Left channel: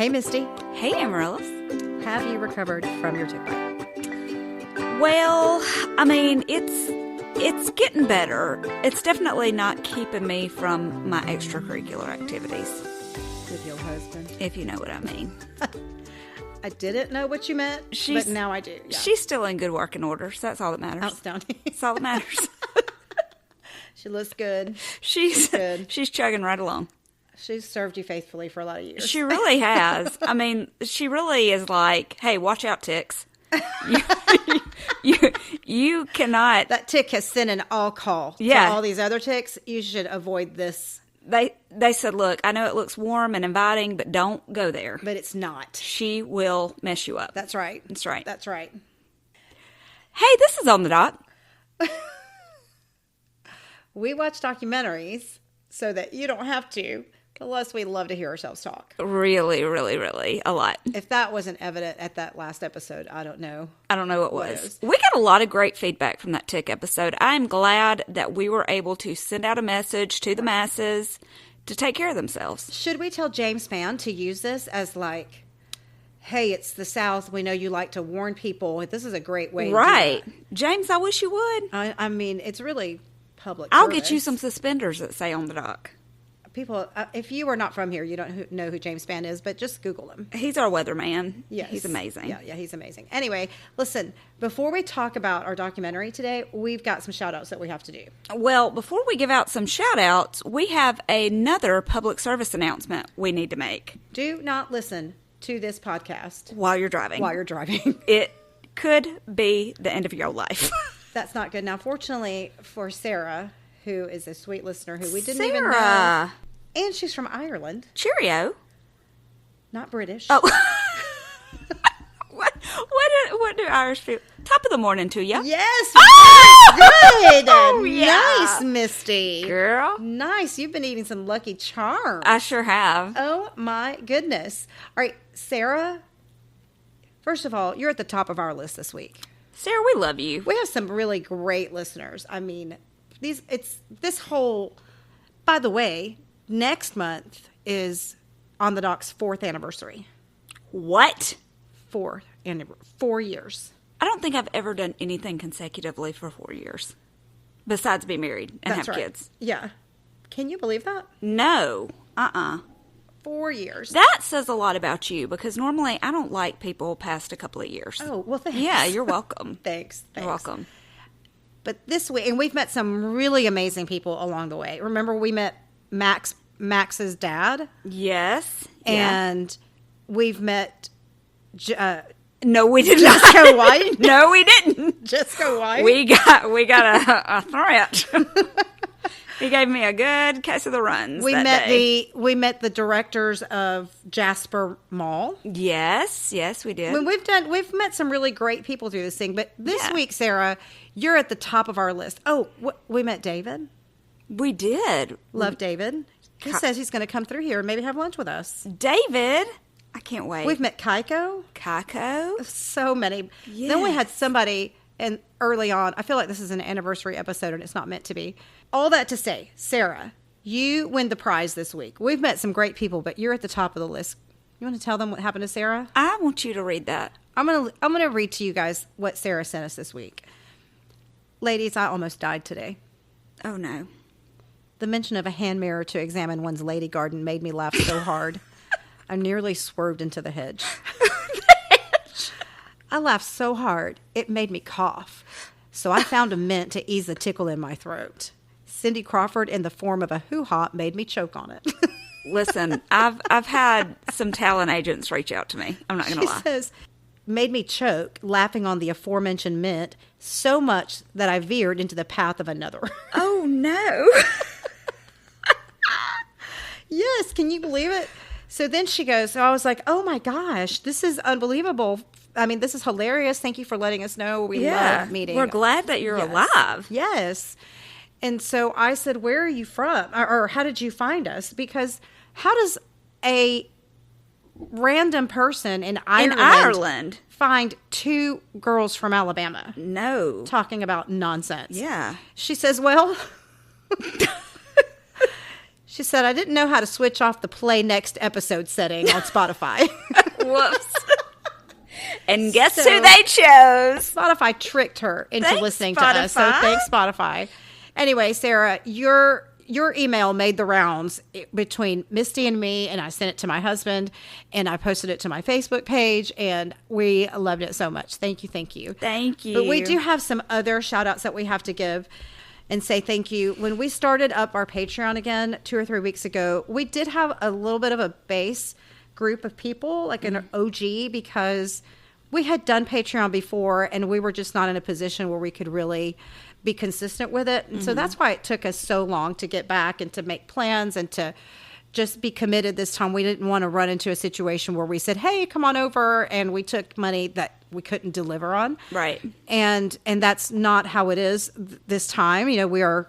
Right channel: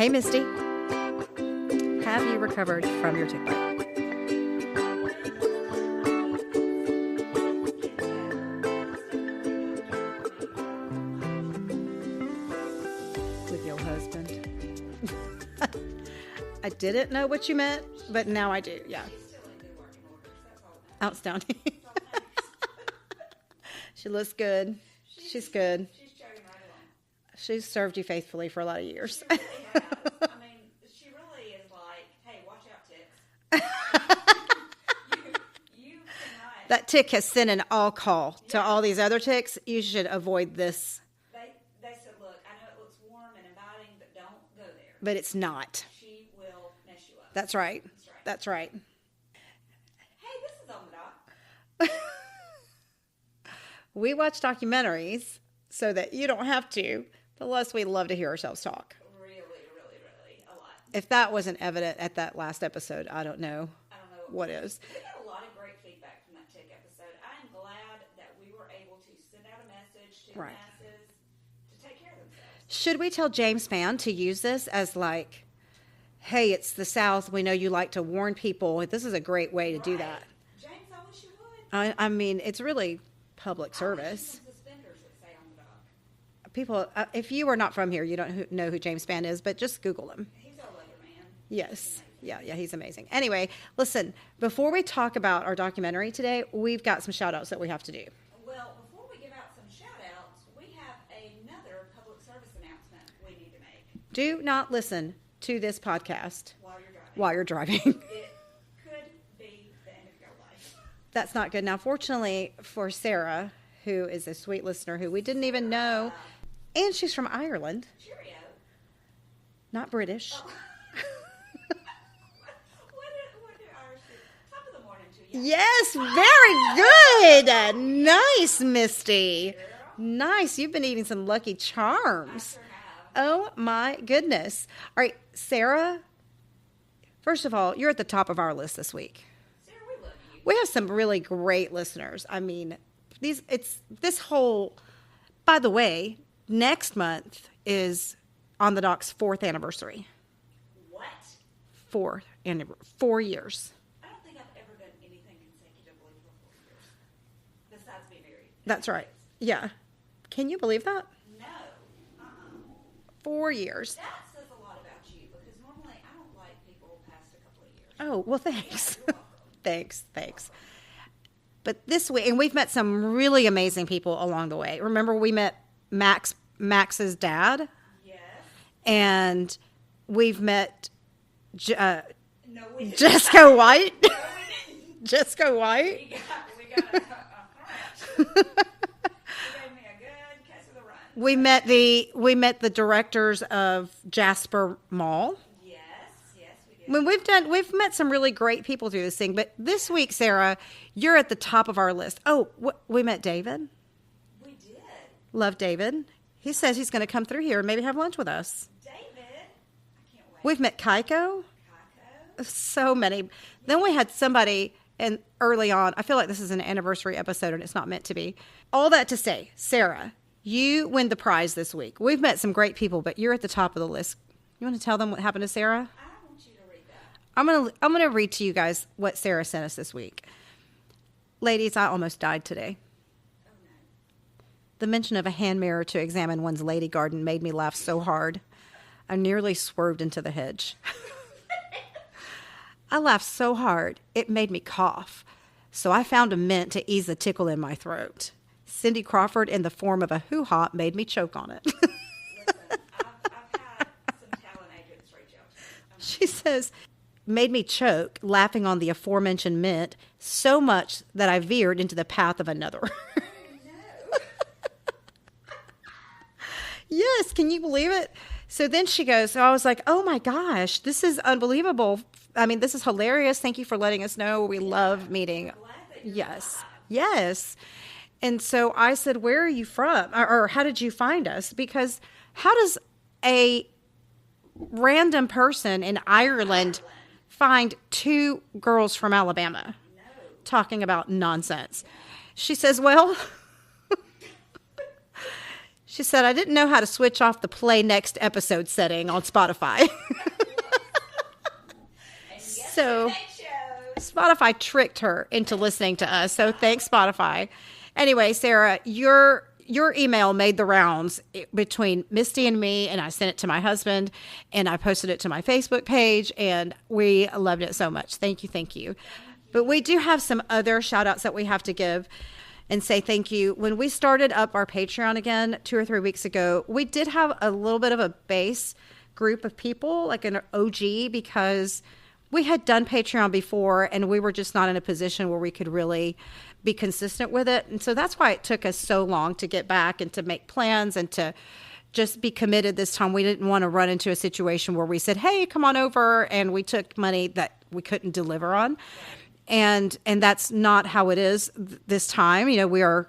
Hey, Misty. Hey, Amaryllis. Have you recovered from your tick bite? Well, I mean, it's getting better. It's definitely not keeping me from my extracurricular activities. With your husband? If you know what I mean. I didn't know what you meant, but now I do. Yeah. She's still in good working order, so that's all that matters. Outstanding. That's all that matters. She looks good. She's good. She's chugging right along. She's served you faithfully for a lot of years. She really has. I mean, she really is like, hey, watch out, ticks. You cannot. That tick has sent an all call to all these other ticks. You should avoid this. They said, look, I know it looks warm and inviting, but don't go there. But it's not. She will mess you up. That's right. That's right. That's right. Hey, this is On the Dock. We watch documentaries so that you don't have to. Plus, we love to hear ourselves talk. Really, really, really. A lot. If that wasn't evident at that last episode, I don't know. I don't know what what was. is. We got a lot of great feedback from that tick episode. I'm glad that we were able to send out a message to the masses to take care of themselves. Should we tell James Spann to use this as like, hey, it's the South. We know you like to warn people. This is a great way to do that. James, I wish you would. I mean, it's really public I'll service. get you some suspenders that say On the Dock. People, if you are not from here, you don't know who James Spann is, but just Google him. He's our weatherman. Yes. He's amazing. Yeah, he's amazing. Anyway, listen, before we talk about our documentary today, we've got some shout outs that we have to do. Well, before we give out some shout outs, we have another public service announcement we need to make. Do not listen to this podcast While you're driving. It could be the end of your life. That's not good. Now, fortunately for Sarah, who is a sweet listener who we didn't even know. Sarah. And she's from Ireland. Cheerio. Not British. Oh. What do Irish people? Top of the morning to you. Yes, very good. Oh, yeah. Nice, Misty. Girl. Nice. You've been eating some Lucky Charms. I sure have. Oh, my goodness. All right, Sarah, first of all, you're at the top of our list this week. Sarah, we love you. We have some really great listeners. I mean, by the way, next month is On the Dock's 4th anniversary. What? 4 years. I don't think I've ever done anything consecutively for 4 years. Besides be married and That's have right. kids. Yeah. Can you believe that? No. 4 years. That says a lot about you because normally I don't like people past a couple of years. Oh, well, thanks. Yeah, you're welcome. Thanks. You're welcome. But this week, and we've met some really amazing people along the way. Remember we met Max's dad? Yes. And we've met no, we didn't. Jessica White. No, we didn't. Jessica White. We got a threat. He gave me a good case of the runs. We met the directors of Jasper Mall. Yes, we did. When we've met some really great people through this thing. But this week, Sarah, you're at the top of our list. Oh, we met David. We did. Love David. He says he's going to come through here and maybe have lunch with us. David, I can't wait. We've met Kaiko. So many. Yeah. Then we had somebody, and early on, I feel like this is an anniversary episode and it's not meant to be. All that to say, Sarah, you win the prize this week. We've met some great people, but you're at the top of the list. You want to tell them what happened to Sarah? I want you to read that. I'm gonna read to you guys what Sarah sent us this week. Ladies, I almost died today. Oh no. The mention of a hand mirror to examine one's lady garden made me laugh so hard. I nearly swerved into the hedge. I laughed so hard, it made me cough. So I found a mint to ease the tickle in my throat. Cindy Crawford in the form of a hoo-ha made me choke on it. Listen, I've had some talent agents reach out to me. I'm not going to lie. She says, made me choke, laughing on the aforementioned mint, so much that I veered into the path of another. Oh, no. Yes, can you believe it? So then she goes, so I was like, oh my gosh, this is unbelievable. I mean, this is hilarious. Thank you for letting us know. We love meeting. We're glad that you're alive. Yes. And so I said, where are you from? Or how did you find us? Because how does a random person in Ireland find 2 girls from Alabama? No. Talking about nonsense. Yeah. She says, well... She said, I didn't know how to switch off the play next episode setting on Spotify. Whoops. And guess who they chose? Spotify tricked her into listening to us. So thanks, Spotify. Anyway, Sarah, your email made the rounds between Misty and me, and I sent it to my husband, and I posted it to my Facebook page, and we loved it so much. Thank you. Thank you. But we do have some other shout-outs that we have to give and say thank you. When we started up our Patreon again 2 or 3 weeks ago, we did have a little bit of a base group of people, like an OG, because we had done Patreon before, and we were just not in a position where we could really be consistent with it. And so that's why it took us so long to get back and to make plans and to just be committed this time. We didn't want to run into a situation where we said, hey, come on over, and we took money that we couldn't deliver on. Right. And that's not how it is this time. You know, we are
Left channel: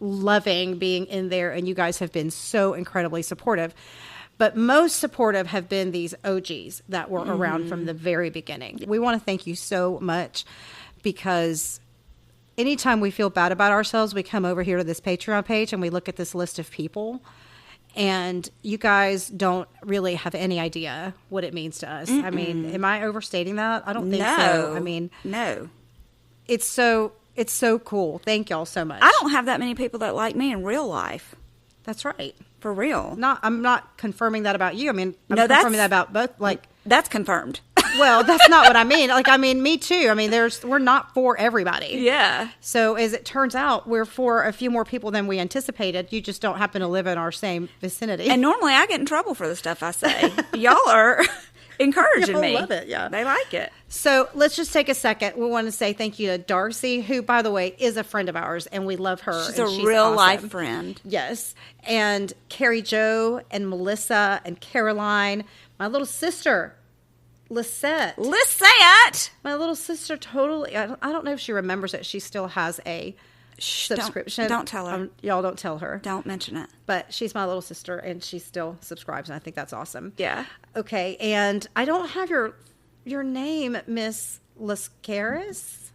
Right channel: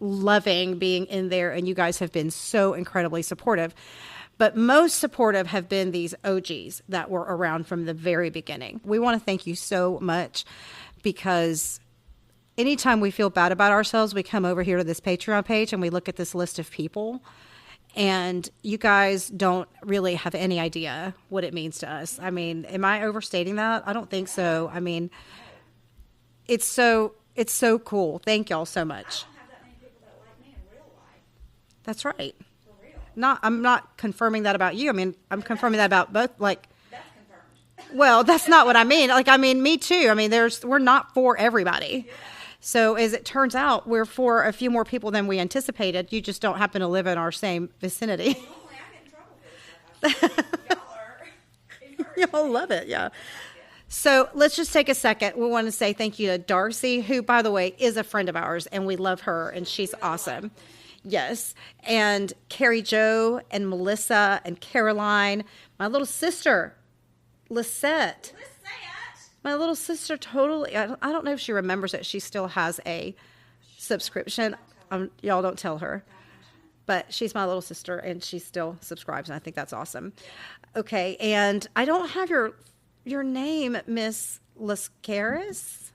loving being in there, and you guys have been so incredibly supportive. But most supportive have been these OGs that were around from the very beginning. We want to thank you so much, because anytime we feel bad about ourselves, we come over here to this Patreon page and we look at this list of people, and you guys don't really have any idea what it means to us. I mean, am I overstating that? I don't think so. I mean, no. It's so cool. Thank y'all so much. I don't have that many people that like me in real life. That's right. For real. I'm not confirming that about you. I mean, I'm confirming that about both. Like, that's confirmed. Well, that's not what I mean. Like, I mean, me too. I mean, we're not for everybody. Yeah. So as it turns out, we're for a few more people than we anticipated. You just don't happen to live in our same vicinity. And normally I get in trouble for the stuff I say. Y'all are encouraging me. Y'all love it, yeah. They like it. So let's just take a second. We want to say thank you to Darcy, who, by the way, is a friend of ours, and we love her. She's a real awesome. life friend. Yes. And Carrie Jo and Melissa and Caroline, my little sister, Lisette. My little sister totally, I don't know if she remembers it. She still has a subscription. Don't tell her. Y'all don't tell her. Don't mention it. But she's my little sister, and she still subscribes, and I think that's awesome. Yeah. Okay, and I don't have your name, Miss Lascaris.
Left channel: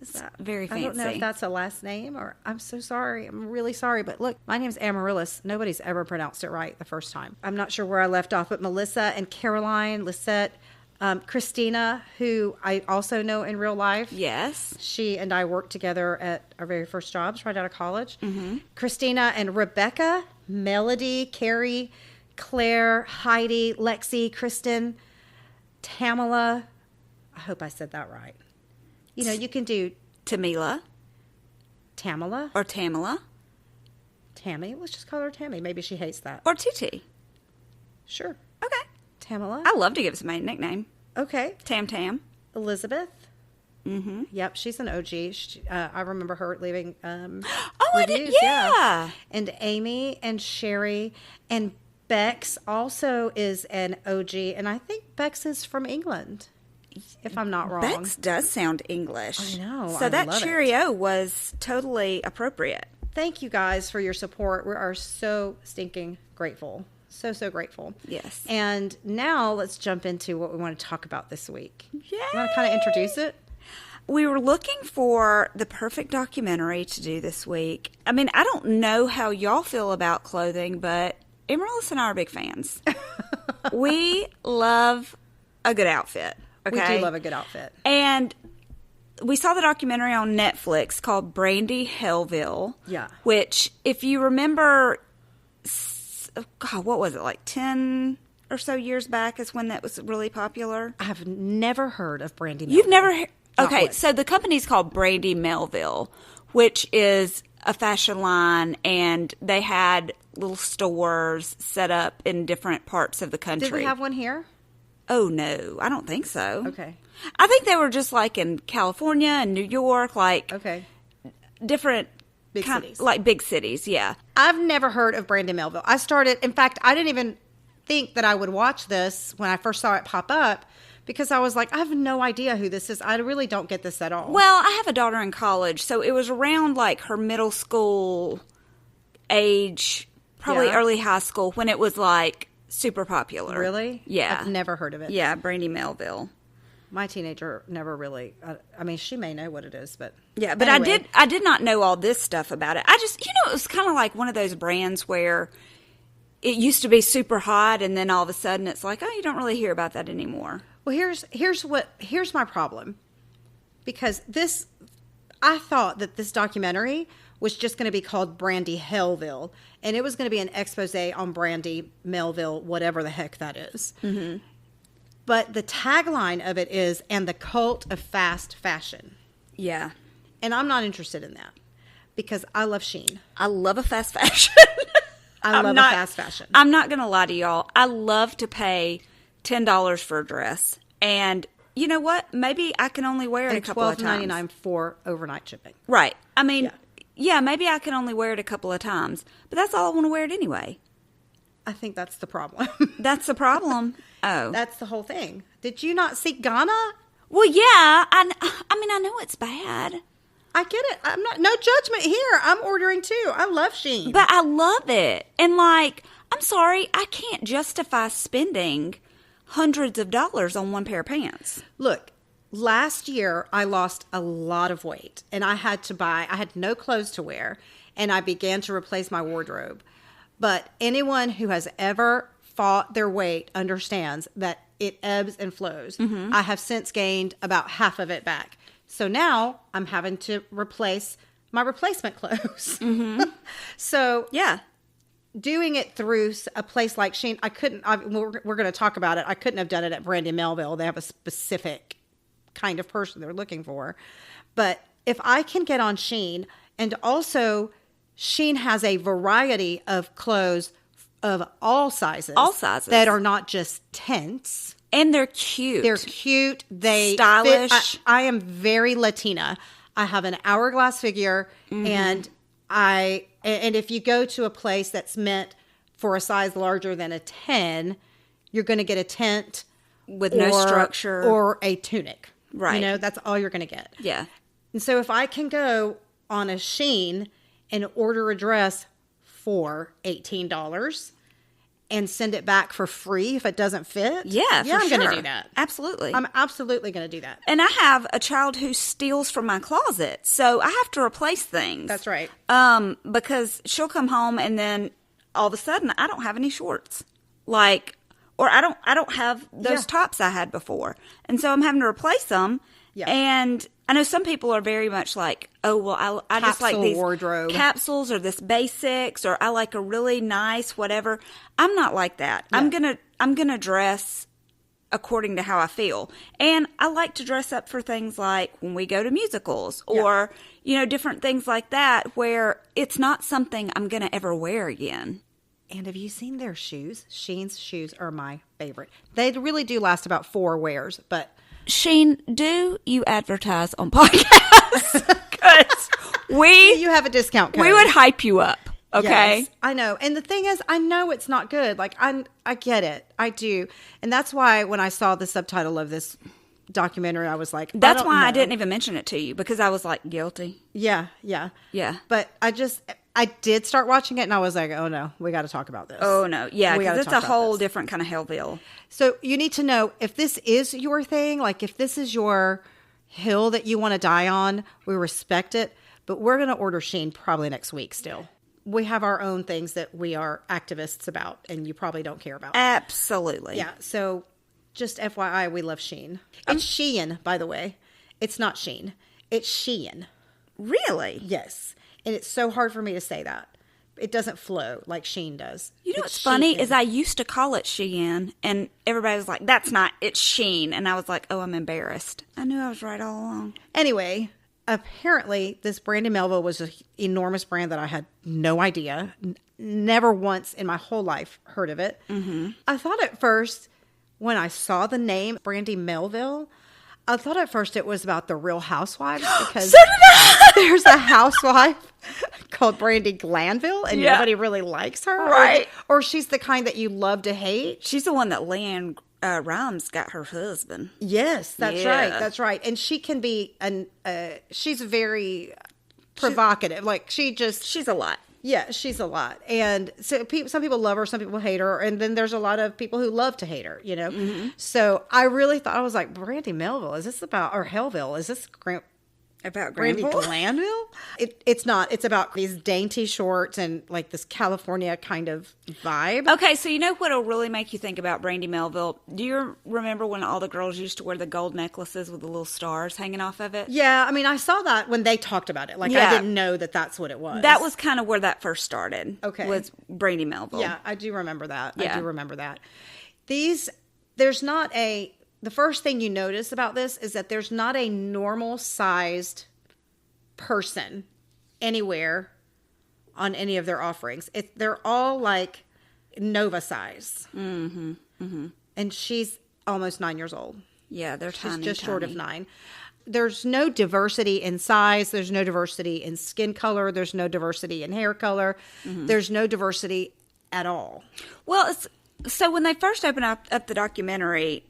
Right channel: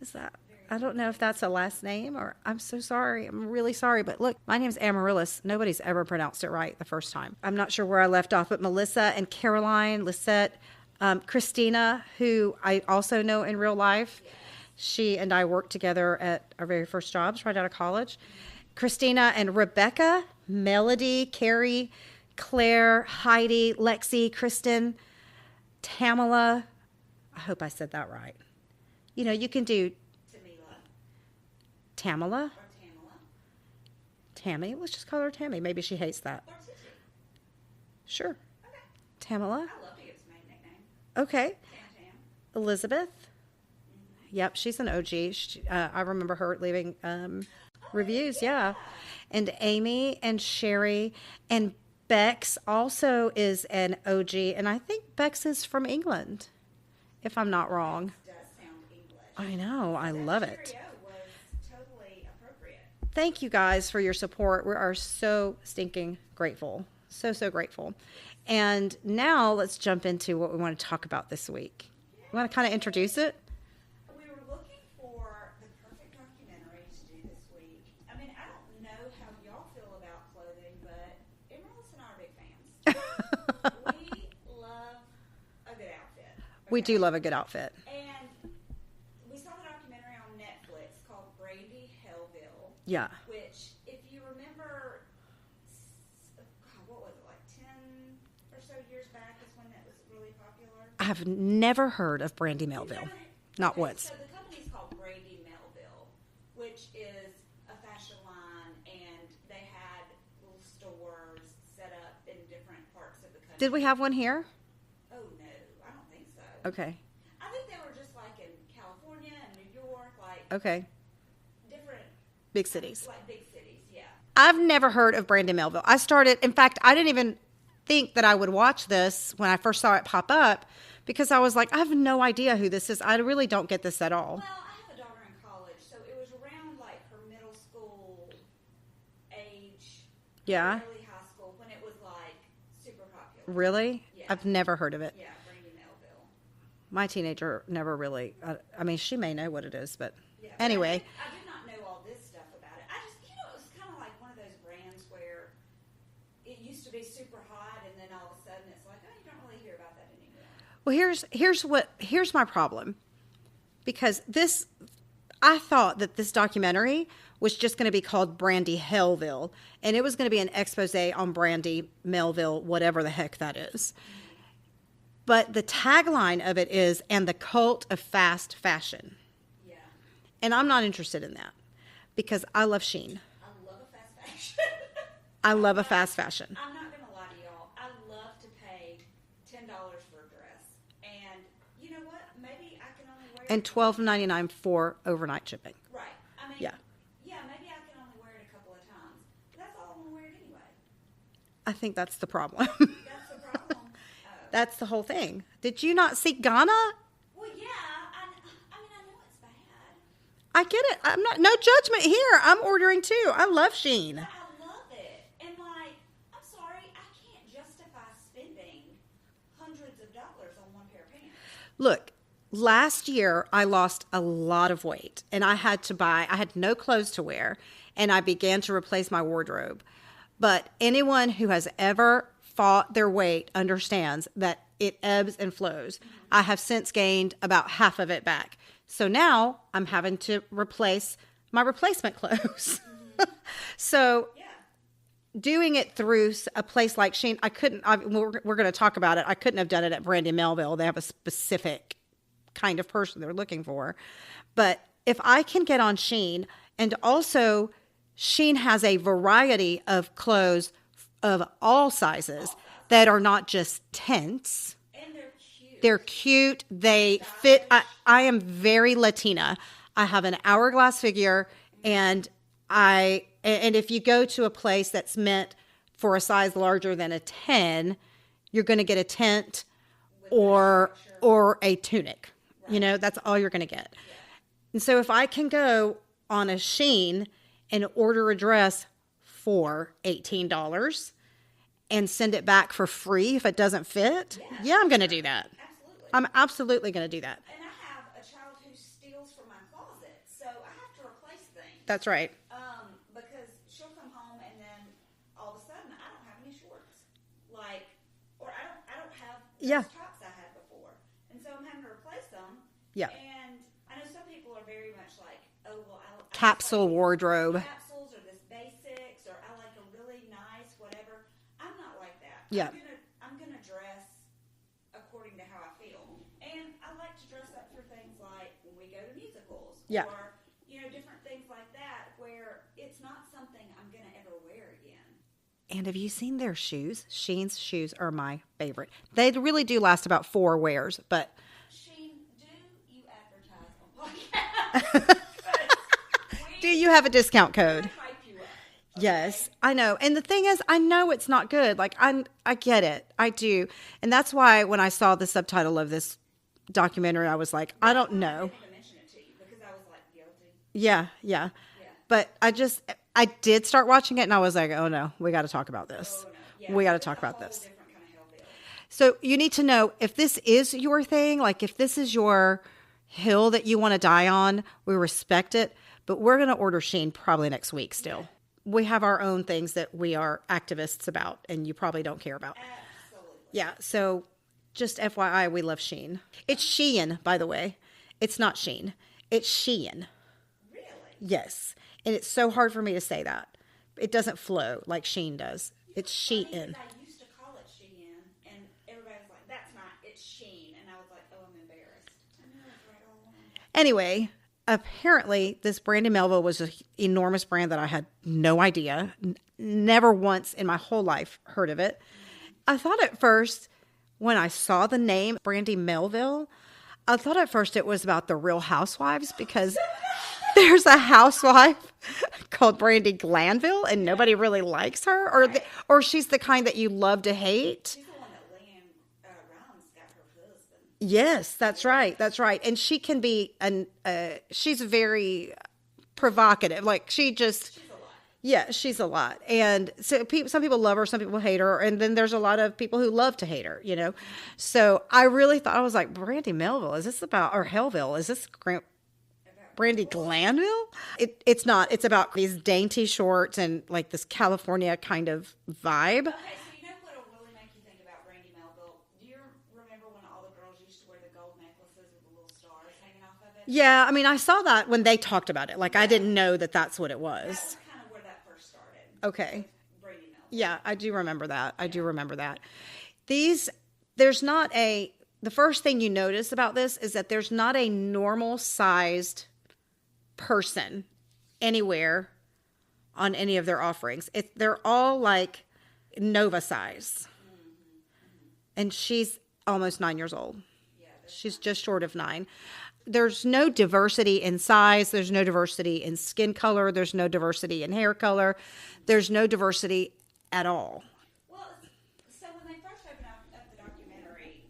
Is that very fancy? I don't know if that's a last name, or I'm so sorry. I'm really sorry. But look, my name's Amaryllis. Nobody's ever pronounced it right the first time. I'm not sure where I left off, but Melissa and Caroline, Lisette, Christina, who I also know in real life. Yes. She and I worked together at our very first jobs right out of college. Mm-hmm. Christina and Rebecca, Melody, Carrie, Claire, Heidi, Lexi, Kristen, Tamala. I hope I said that right. You know, you can do Tamila. Tamala. Or Tamala. Tammy. Let's just call her Tammy. Maybe she hates that. Or TT. Sure. Okay. Tamala. I love to give somebody a nickname. Okay. Tam. Elizabeth. Mm-hmm. Yep, she's an OG. I remember her leaving reviews. Yeah. And Amy and Sherry and Bex also is an OG. And I think Bex is from England, if I'm not wrong. Bex does sound English. I know. So I that love cheerio was totally appropriate. Thank you guys for your support. We are so stinking grateful. So grateful. Yes. And now let's jump into what we want to talk about this week. Yay. You want to kind of introduce it? We were looking for the perfect documentary to do this week. I mean, I don't know how y'all feel about clothing, but Amaryllis and I are big fans. We love a good outfit. Okay? We do love a good outfit. And we saw the documentary on Netflix called Brandy, Hellville. Yeah. Which, if you remember, God, what was it, like 10 or so years back is when that was really popular? I've never heard of Brandy Melville. You've never heard? Okay, once. so the company's called Brandy Melville, which is a fashion line, and they had little stores set up in different parts of the country. Did we have one here? Oh, no, I don't think so. Okay. I think they were just like in California and New York, like different big cities. Like big cities, yeah. I've never heard of Brandy Melville. In fact, I didn't even think that I would watch this when I first saw it pop up, because I was like, I have no idea who this is. I really don't get this at all. Well, I have a daughter in college, so it was around like her middle school age, probably early high school, when it was like super popular. Really? Yeah. I've never heard of it. Yeah, Brandy Melville. my teenager never really. I mean, she may know what it is, but yeah. But anyway. I did not know all this stuff about it. I just, it was kind of like one of those brands where it used to be super hot, and then all of a sudden it's like, oh, you don't really hear about that anymore. Well, here's my problem, because I thought that this documentary was just going to be called Brandy Hellville, and it was going to be an expose on Brandy Melville, whatever the heck that is. Mm-hmm. But the tagline of it is, and the cult of fast fashion. Yeah. And I'm not interested in that, because I love Shein. I love a fast fashion. I love a fast fashion. I'm not going to lie to y'all. I love to pay $10 for a dress. And you know what? Maybe I can only wear it a couple of times. And $12.99 for overnight shipping. Right. I mean, yeah, maybe I can only wear it a couple of times. But that's all I want to wear it anyway. I think that's the problem. That's the problem? Oh. That's the whole thing. Did you not see Ghana? Well, yeah. I mean, I know it's bad. I get it. I'm not, no judgment here. I'm ordering too. I love Shein. But I love it. And like, I'm sorry, I can't justify spending hundreds of dollars on one pair of pants. Look, last year I lost a lot of weight, and I had no clothes to wear, and I began to replace my wardrobe. But anyone who has ever fought their weight understands that it ebbs and flows. Mm-hmm. I have since gained about half of it back. So now I'm having to replace my replacement clothes. Mm-hmm. So yeah, doing it through a place like Shein, we're going to talk about it. I couldn't have done it at Brandy Melville. They have a specific kind of person they're looking for. But if I can get on Shein, and also Shein has a variety of clothes of all sizes. All sizes. That are not just tents. And they're cute. They're cute. They stylish. Fit. I am very Latina. I have an hourglass figure, mm-hmm. and if you go to a place that's meant for a size larger than a 10, you're going to get a tent with no structure or a tunic. Right. You know, that's all you're going to get. Yeah. And so if I can go on a Shein and order a dress for $18 and send it back for free if it doesn't fit. I'm going to do that. Absolutely. I'm absolutely going to do that. And I have a child who steals from my closet, so I have to replace things. That's right. Because she'll come home and then all of a sudden I don't have any shorts. Or I don't have those tops I had before. And so I'm having to replace them. Yeah. And I know some people are very much like, oh, well, I just like these wardrobe. Capsules or this basics, or I like a really nice whatever. I'm not like that. Yeah. I'm gonna dress according to how I feel. And I like to dress up for things like when we go to musicals or, different things like that where it's not something I'm going to ever wear again. And have you seen their shoes? Shein's shoes are my favorite. They really do last about 4 wears, but... Shein, do you advertise on podcasts? Because you have a discount code. We would hype you up. Okay. Yes, I know. And the thing is, I know it's not good. Like, I get it. I do. And that's why when I saw the subtitle of this documentary, I was like, that's why I didn't even mention it to you, because I was like, guilty. Yeah. But I did start watching it, and I was like, oh no, we got to talk about this. Oh no. Yeah. We got to talk about this. It's a whole different kind of Hellville. So you need to know if this is your thing, like if this is your hill that you want to die on, we respect it. But we're going to order Shein probably next week still. We have our own things that we are activists about, and you probably don't care about. Absolutely. Yeah. So just FYI, we love Shein. It's Shein, by the way. It's not Shein. It's Shein. Really? Yes. And it's so hard for me to say that. It doesn't flow like Shein does. You know what's funny is I used to call it Shein, and everybody was like, that's not, it's Shein. And I was like, oh, I'm embarrassed. I knew I was right all along. Anyway, apparently this Brandy Melville was an enormous brand that I had no idea. Never once in my whole life heard of it. Mm-hmm. I thought at first, when I saw the name Brandy Melville, I thought at first it was about the Real Housewives, because there's a housewife called Brandy Glanville, and nobody really likes her. Right. Or she's the kind that you love to hate. She's the one that Leanne Rhymes got her husband. Yes, that's right. That's right. And she can be, she's very provocative. Like she's a lot. Yeah, she's a lot. And so some people love her, some people hate her. And then there's a lot of people who love to hate her, you know? Mm-hmm. So I really thought, I was like, Brandy Melville, is this about, or Hellville, is this about Brandy Glanville? It's not. It's about these dainty shorts and like this California kind of vibe. Okay, so you know what'll really make you think about Brandy Melville? Do you remember when all the girls used to wear the gold necklaces with the little stars hanging off of it? Yeah, I mean, I saw that when they talked about it. Like, I didn't know that that's what it was. That was kind of where that first started. Okay. Was Brandy Melville. Yeah, I do remember that. Yeah. I do remember that. There's not the first thing you notice about this is that there's not a normal sized person anywhere on any of their offerings. They're all like Nova size. Mm-hmm. Mm-hmm. And she's almost 9 years old. Yeah, she's just short of 9. There's no diversity in size. There's no diversity in skin color. There's no diversity in hair color. Mm-hmm. There's no diversity at all. Well, so when they first opened up the documentary,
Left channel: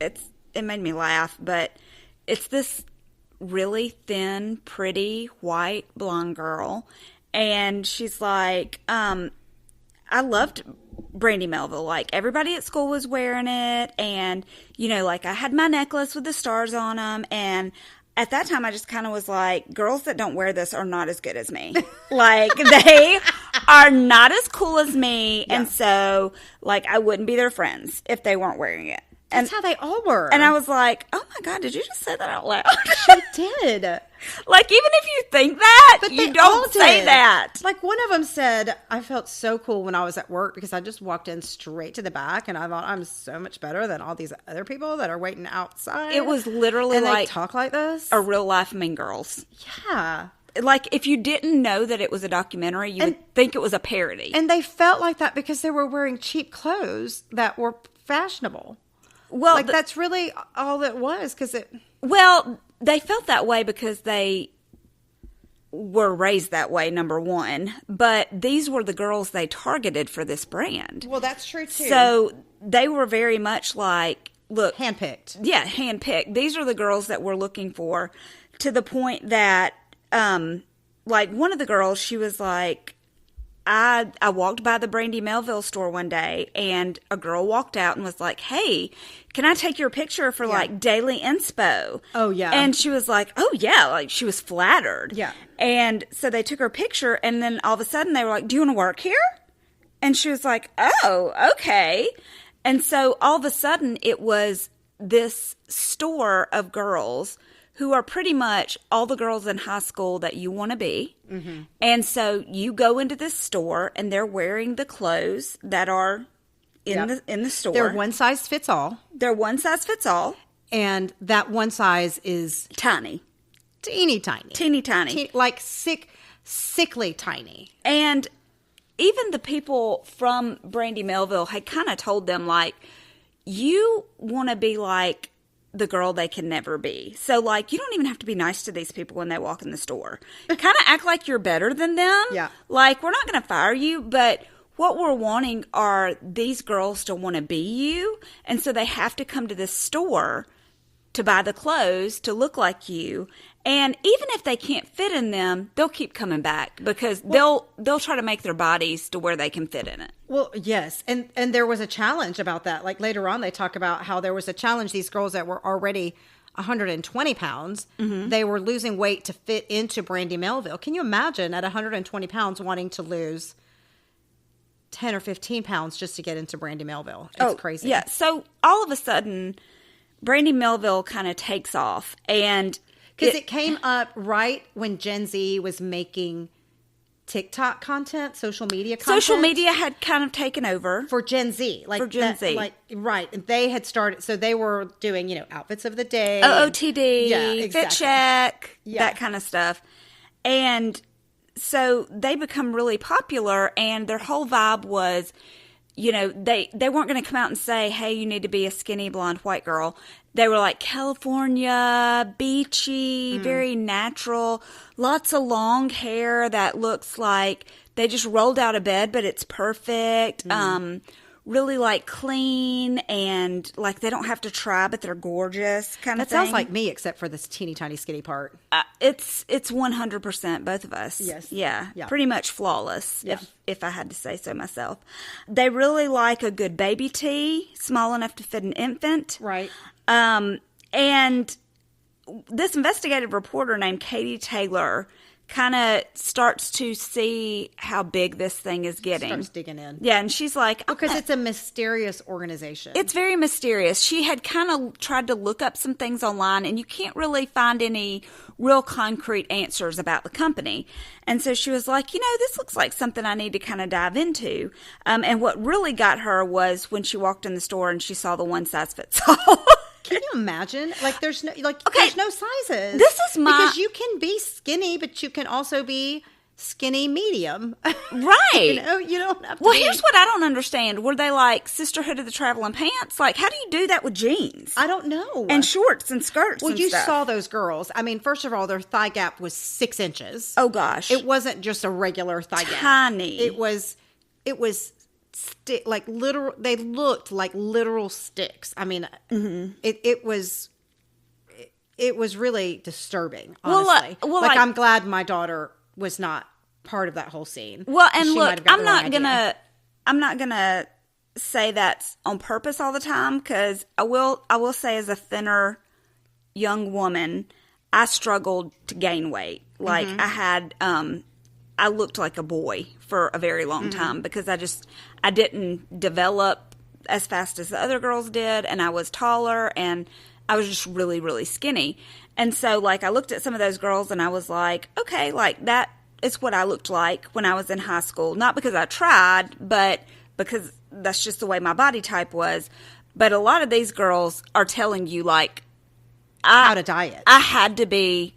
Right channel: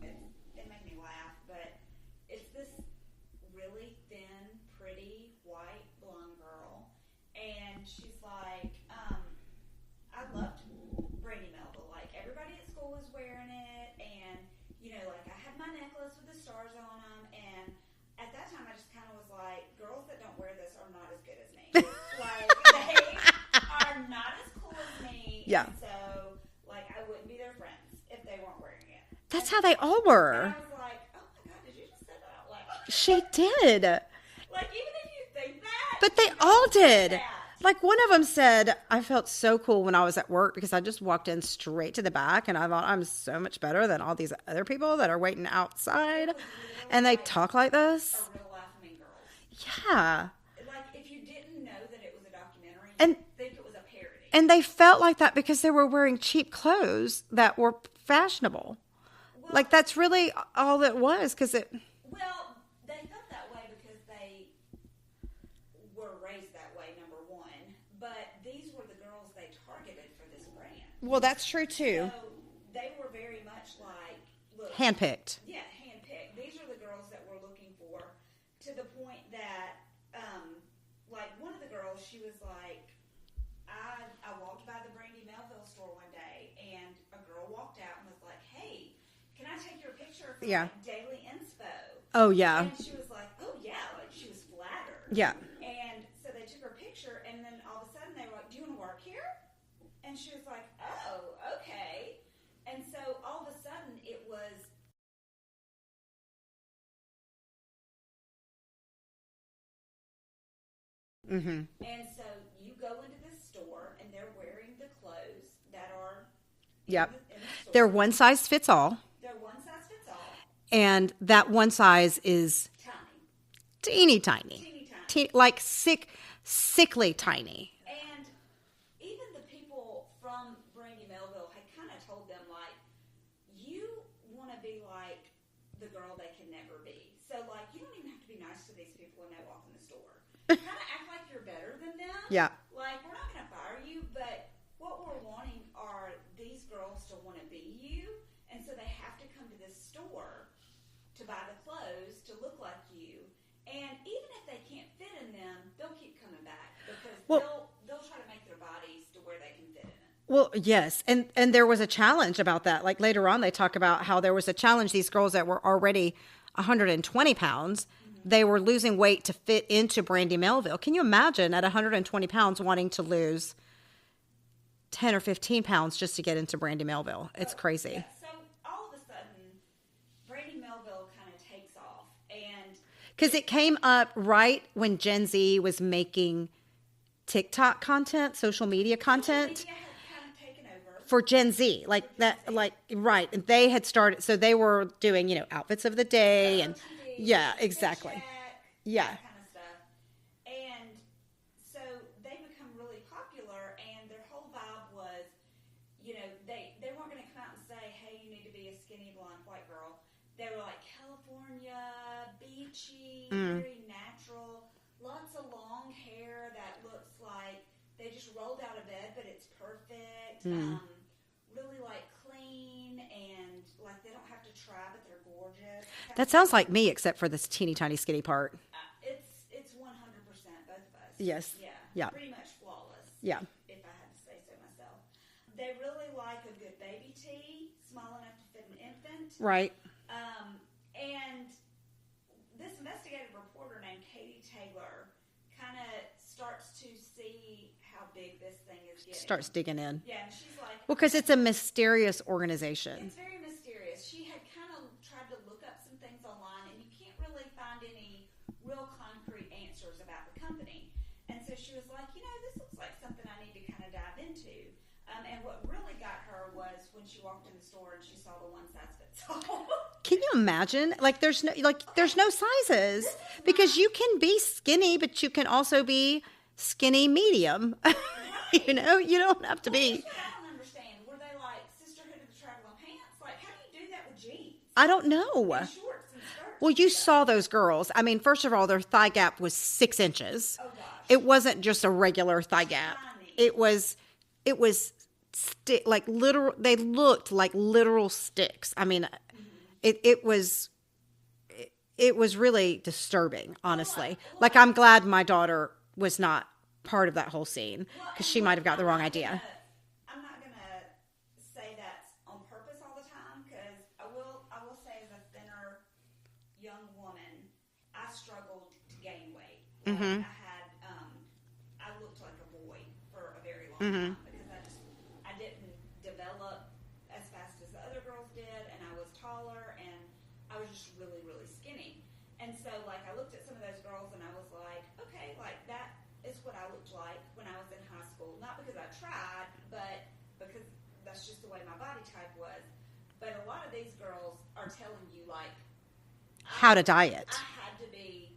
it made me laugh, but it's this really thin, pretty, white, blonde girl. And she's like, I loved Brandy Melville. Like, everybody at school was wearing it. And, you know, like, I had my necklace with the stars on them. And at that time, I just kind of was like, girls that don't wear this are not as good as me. Like, they are not as cool as me. Yeah. And so, like, I wouldn't be their friends if they weren't wearing it. That's how they all were. And I was like, oh my God, did you just say that out loud? She did. Like, even if you think that, but you don't say that. Like, one of them said, I felt so cool when I was at work because I just walked in straight to the back and I thought, I'm so much better than all these other people that are waiting outside. It was literally and like they talk like this. A real life Mean Girls. Yeah. Like, if you didn't know that it was a documentary, you would think it was a parody. And they felt like that because they were wearing cheap clothes that were fashionable. Well, like, that's really all it was, Well, they felt that way because they were raised that way, number one. But these were the girls they targeted for this brand. Well, that's true, too. So they were very much like, look. Handpicked. Yeah, handpicked. These are the girls that we're looking for, to the point that, like, one of the girls, she was like, I walked by the Brandy Melville store one day, and a girl walked out and was like, hey, can I take your picture for, like, daily inspo? Oh, yeah. And she was like, oh, yeah. Like, she was flattered. Yeah. And so they took her picture, and then all of a sudden they were like, do you want to work here? And she was like, oh, okay. And so all of a sudden it was this store of girls who are pretty much all the girls in high school that you want to be. Mm-hmm. And so you go into this store, and they're wearing the clothes that are in the store. They're one size fits all. They're one size fits all. And that one size is tiny. Teeny tiny. Teeny tiny. Like sickly tiny. And even the people from Brandy Melville had kind of told them, like, you want to be like the girl they can never be. So, like, you don't even have to be nice to these people when they walk in the store. Kind of act like you're better than them. Yeah. Like, we're not going to fire you, but what we're wanting are these girls to want to be you. And so they have to come to this store to buy the clothes to look like you. And even if they can't fit in them, they'll keep coming back because they'll try to make their bodies to where they can fit in it. Well, yes. And there was a challenge about that. Like, later on, they talk about how there was a challenge. These girls that were already 120 pounds, mm-hmm. they were losing weight to fit into Brandy Melville. Can you imagine at 120 pounds wanting to lose 10 or 15 pounds just to get into Brandy Melville? It's crazy. Yeah. So all of a sudden, Brandy Melville kind of takes off, and because it came up right when Gen Z was making TikTok content, social media content. Social media had kind of taken over. For Gen Z. Like, for Gen Z. Like, right. And they had started, so they were doing, outfits of the day. OOTD. Yeah, exactly. Fit check. Yeah. That kind of stuff. And so they become really popular, and their whole vibe was, they weren't going to come out and say, hey, you need to be a skinny blonde white girl. They were like California, beachy, very natural, lots of long hair that looks like they just rolled out of bed, but it's perfect. really like clean and like they don't have to try, but they're gorgeous kind of That thing. sounds like me, except for this teeny tiny skinny part. It's 100% both of us. Yes. Yeah. Yeah. Pretty much flawless. Yeah. If I had to say so myself. They really like a good baby tee, small enough to fit an infant. Right. And this investigative reporter named Katie Taylor kind of starts to see how big this thing is getting. Starts digging in. Yeah, and she's like... Because it's a mysterious organization. It's very mysterious. She had kind of tried to look up some things online, and you can't really find any real concrete answers about the company. And so she was like, this looks like something I need to kind of dive into. And what really got her was when she walked in the store and she saw the one-size-fits-all. Can you imagine? Like, there's no sizes. This is because you can be skinny, but you can also be skinny medium. Right. You don't have to be. Well, here's what I don't understand. Were they like Sisterhood of the Traveling Pants? Like, how do you do that with jeans? I don't know. And shorts and skirts. Well, and you stuff. saw those girls. I mean, first of all, their thigh gap was 6 inches. Oh gosh. It wasn't just a regular thigh gap. Tiny. It was like literal. They looked like literal sticks. I mean, it was really disturbing, honestly. I'm glad my daughter was not part of that whole scene. Well, and she look, might have got I'm the wrong idea. not gonna say that's on purpose all the time, because I will say, as a thinner young woman, I struggled to gain weight. Like I looked like a boy for a very long time because I didn't develop as fast as the other girls did, and I was taller, and I was just really, really skinny. And so, like, I looked at some of those girls, and I was like, okay, like, that is what I looked like when I was in high school. Not because I tried, but because that's just the way my body type was. But a lot of these girls are telling you, like, how to diet. I had to be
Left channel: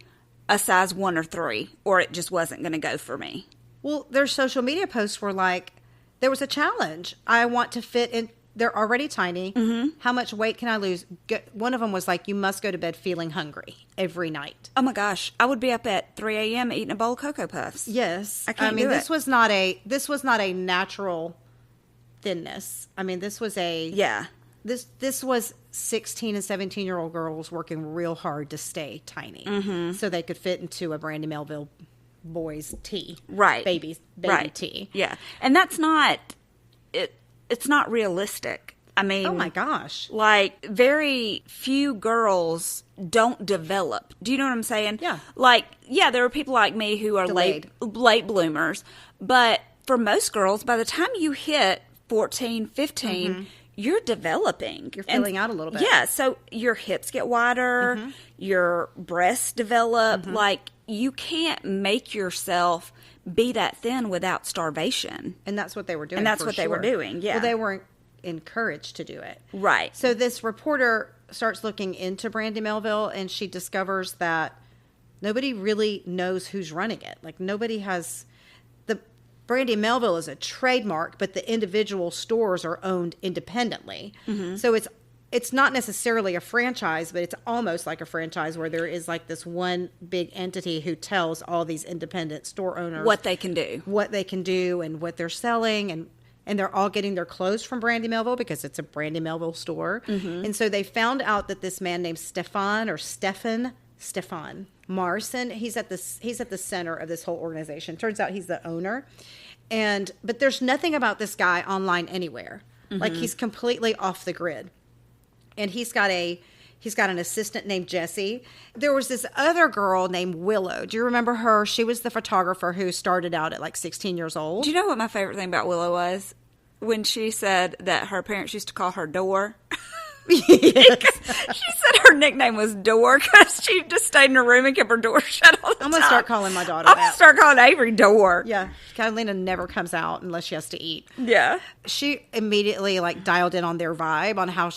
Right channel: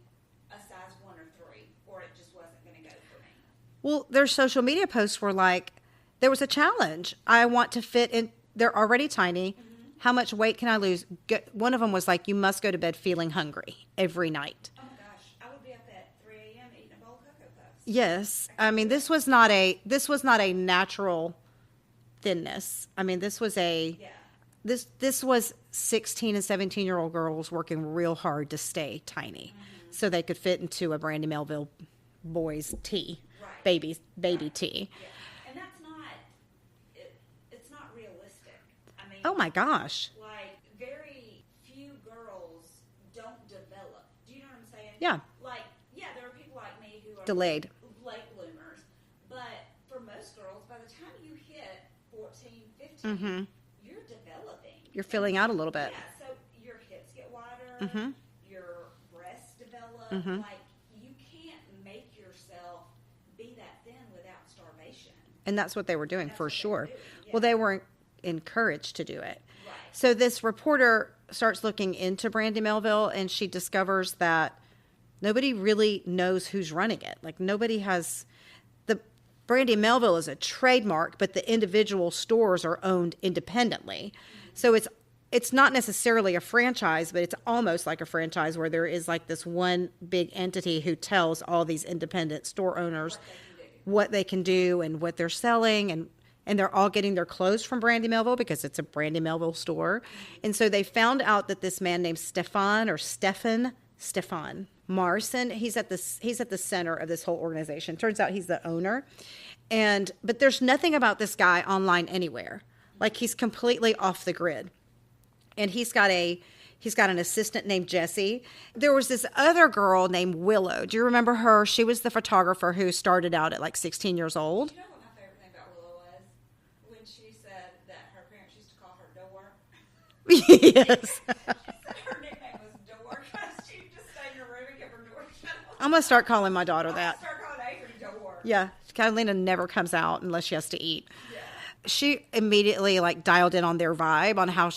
a size 1 or 3, or it just wasn't going to go for me. Well, their social media posts were like, there was a challenge. I want to fit in. They're already tiny. How much weight can I lose? One of them was like, you must go to bed feeling hungry every night. Oh my gosh. I would be up at 3 a.m. eating a bowl of Cocoa Puffs. Yes. I mean, this was not a natural thinness. I mean, this was this was 16 and 17-year-old girls working real hard to stay tiny so they could fit into a Brandy Melville boys tee. Right. Baby tee. Yeah. And that's not it's not realistic. I mean, oh my gosh. Like, very few girls don't develop. Do you know what I'm saying? Yeah. Like, yeah, there are people like me who are delayed late bloomers, but for most girls, by the time you hit 14, 15, you're developing. You're filling out a little bit. Yeah, so your hips get wider, your breasts develop. Like, you can't make yourself be that thin without starvation. And that's what they were doing. And that's what they were doing, yeah. Well, they weren't encouraged to do it. Right. So this reporter starts looking into Brandy Melville, and she discovers that nobody really knows who's running it. Like, nobody has... Brandy Melville is a trademark, but the individual stores are owned independently. So it's not necessarily a franchise, but it's almost like a franchise where there is like this one big entity who tells all these independent store owners what they can do and what they're selling, and they're all getting their clothes from Brandy Melville because it's a Brandy Melville store. And so they found out that this man named Stefan Marson, he's at the center of this whole organization. Turns out he's the owner. But there's nothing about this guy online anywhere. Like, he's completely off the grid. And he's got an assistant named Jessie. There was this other girl named Willow. Do you remember her? She was the photographer who started out at like 16 years old. Do you know what my favorite thing about Willow was? When she said that her parents used to call her Door. Yes. She said her nickname was Door because she just stayed in her room and kept her door shut all the time. I'm going to start calling my daughter I'm that. going to start calling Avery Door. Yeah. Catalina never comes out unless she has to eat. Yeah. She immediately like dialed in on their vibe, on how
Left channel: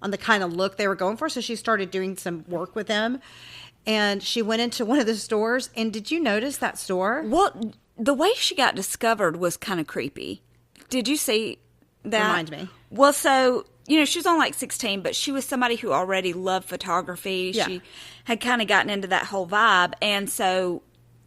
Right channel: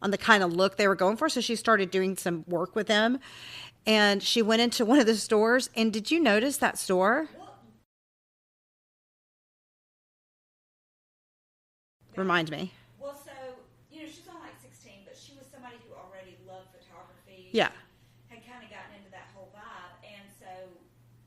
on the kind of look they were going for. So she started doing some work with them. And she went into one of the stores. And did you notice that store? Well, the way she got discovered was kind of creepy. Did you see that? Remind me. Well, so... You know, she was only like 16, but she was somebody who already loved photography. Yeah. She had kind of gotten into that whole vibe. And so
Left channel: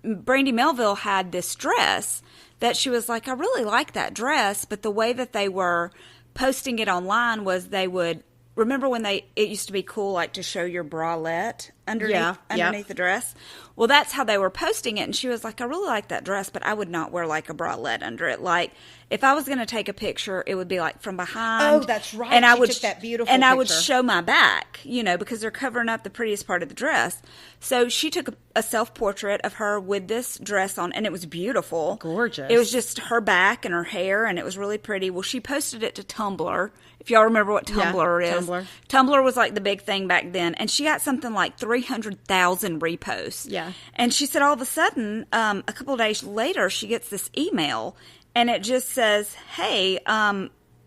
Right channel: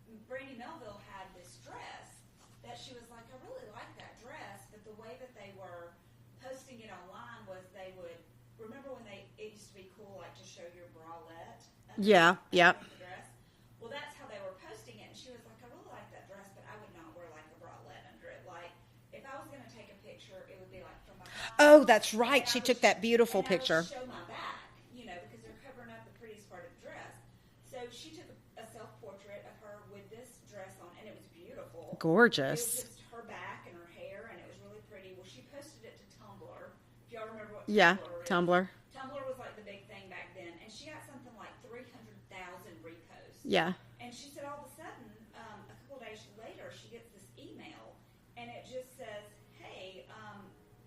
Brandy Melville had this dress that she was like, I really like that dress, but the way that they were posting it online was they would, remember when it used to be cool, like, to show your bralette underneath the dress? Well, that's how they were posting it, and she was like, I really like that dress, but I would not wear, like, a bralette under it. Like, if I was going to take a picture, it would be, like, from behind. Oh, that's right. And she took that beautiful picture. And I would show my back, because they're covering up the prettiest part of the dress. So she took a self-portrait of her with this dress on, and it was beautiful. Gorgeous. It was just her back and her hair, and it was really pretty. Well, she posted it to Tumblr. If y'all remember what Tumblr is. Tumblr was like the big thing back then. And she got something like 300,000 reposts. Yeah. And she said all of a sudden, a couple of days later, she gets this email. And it just says, hey,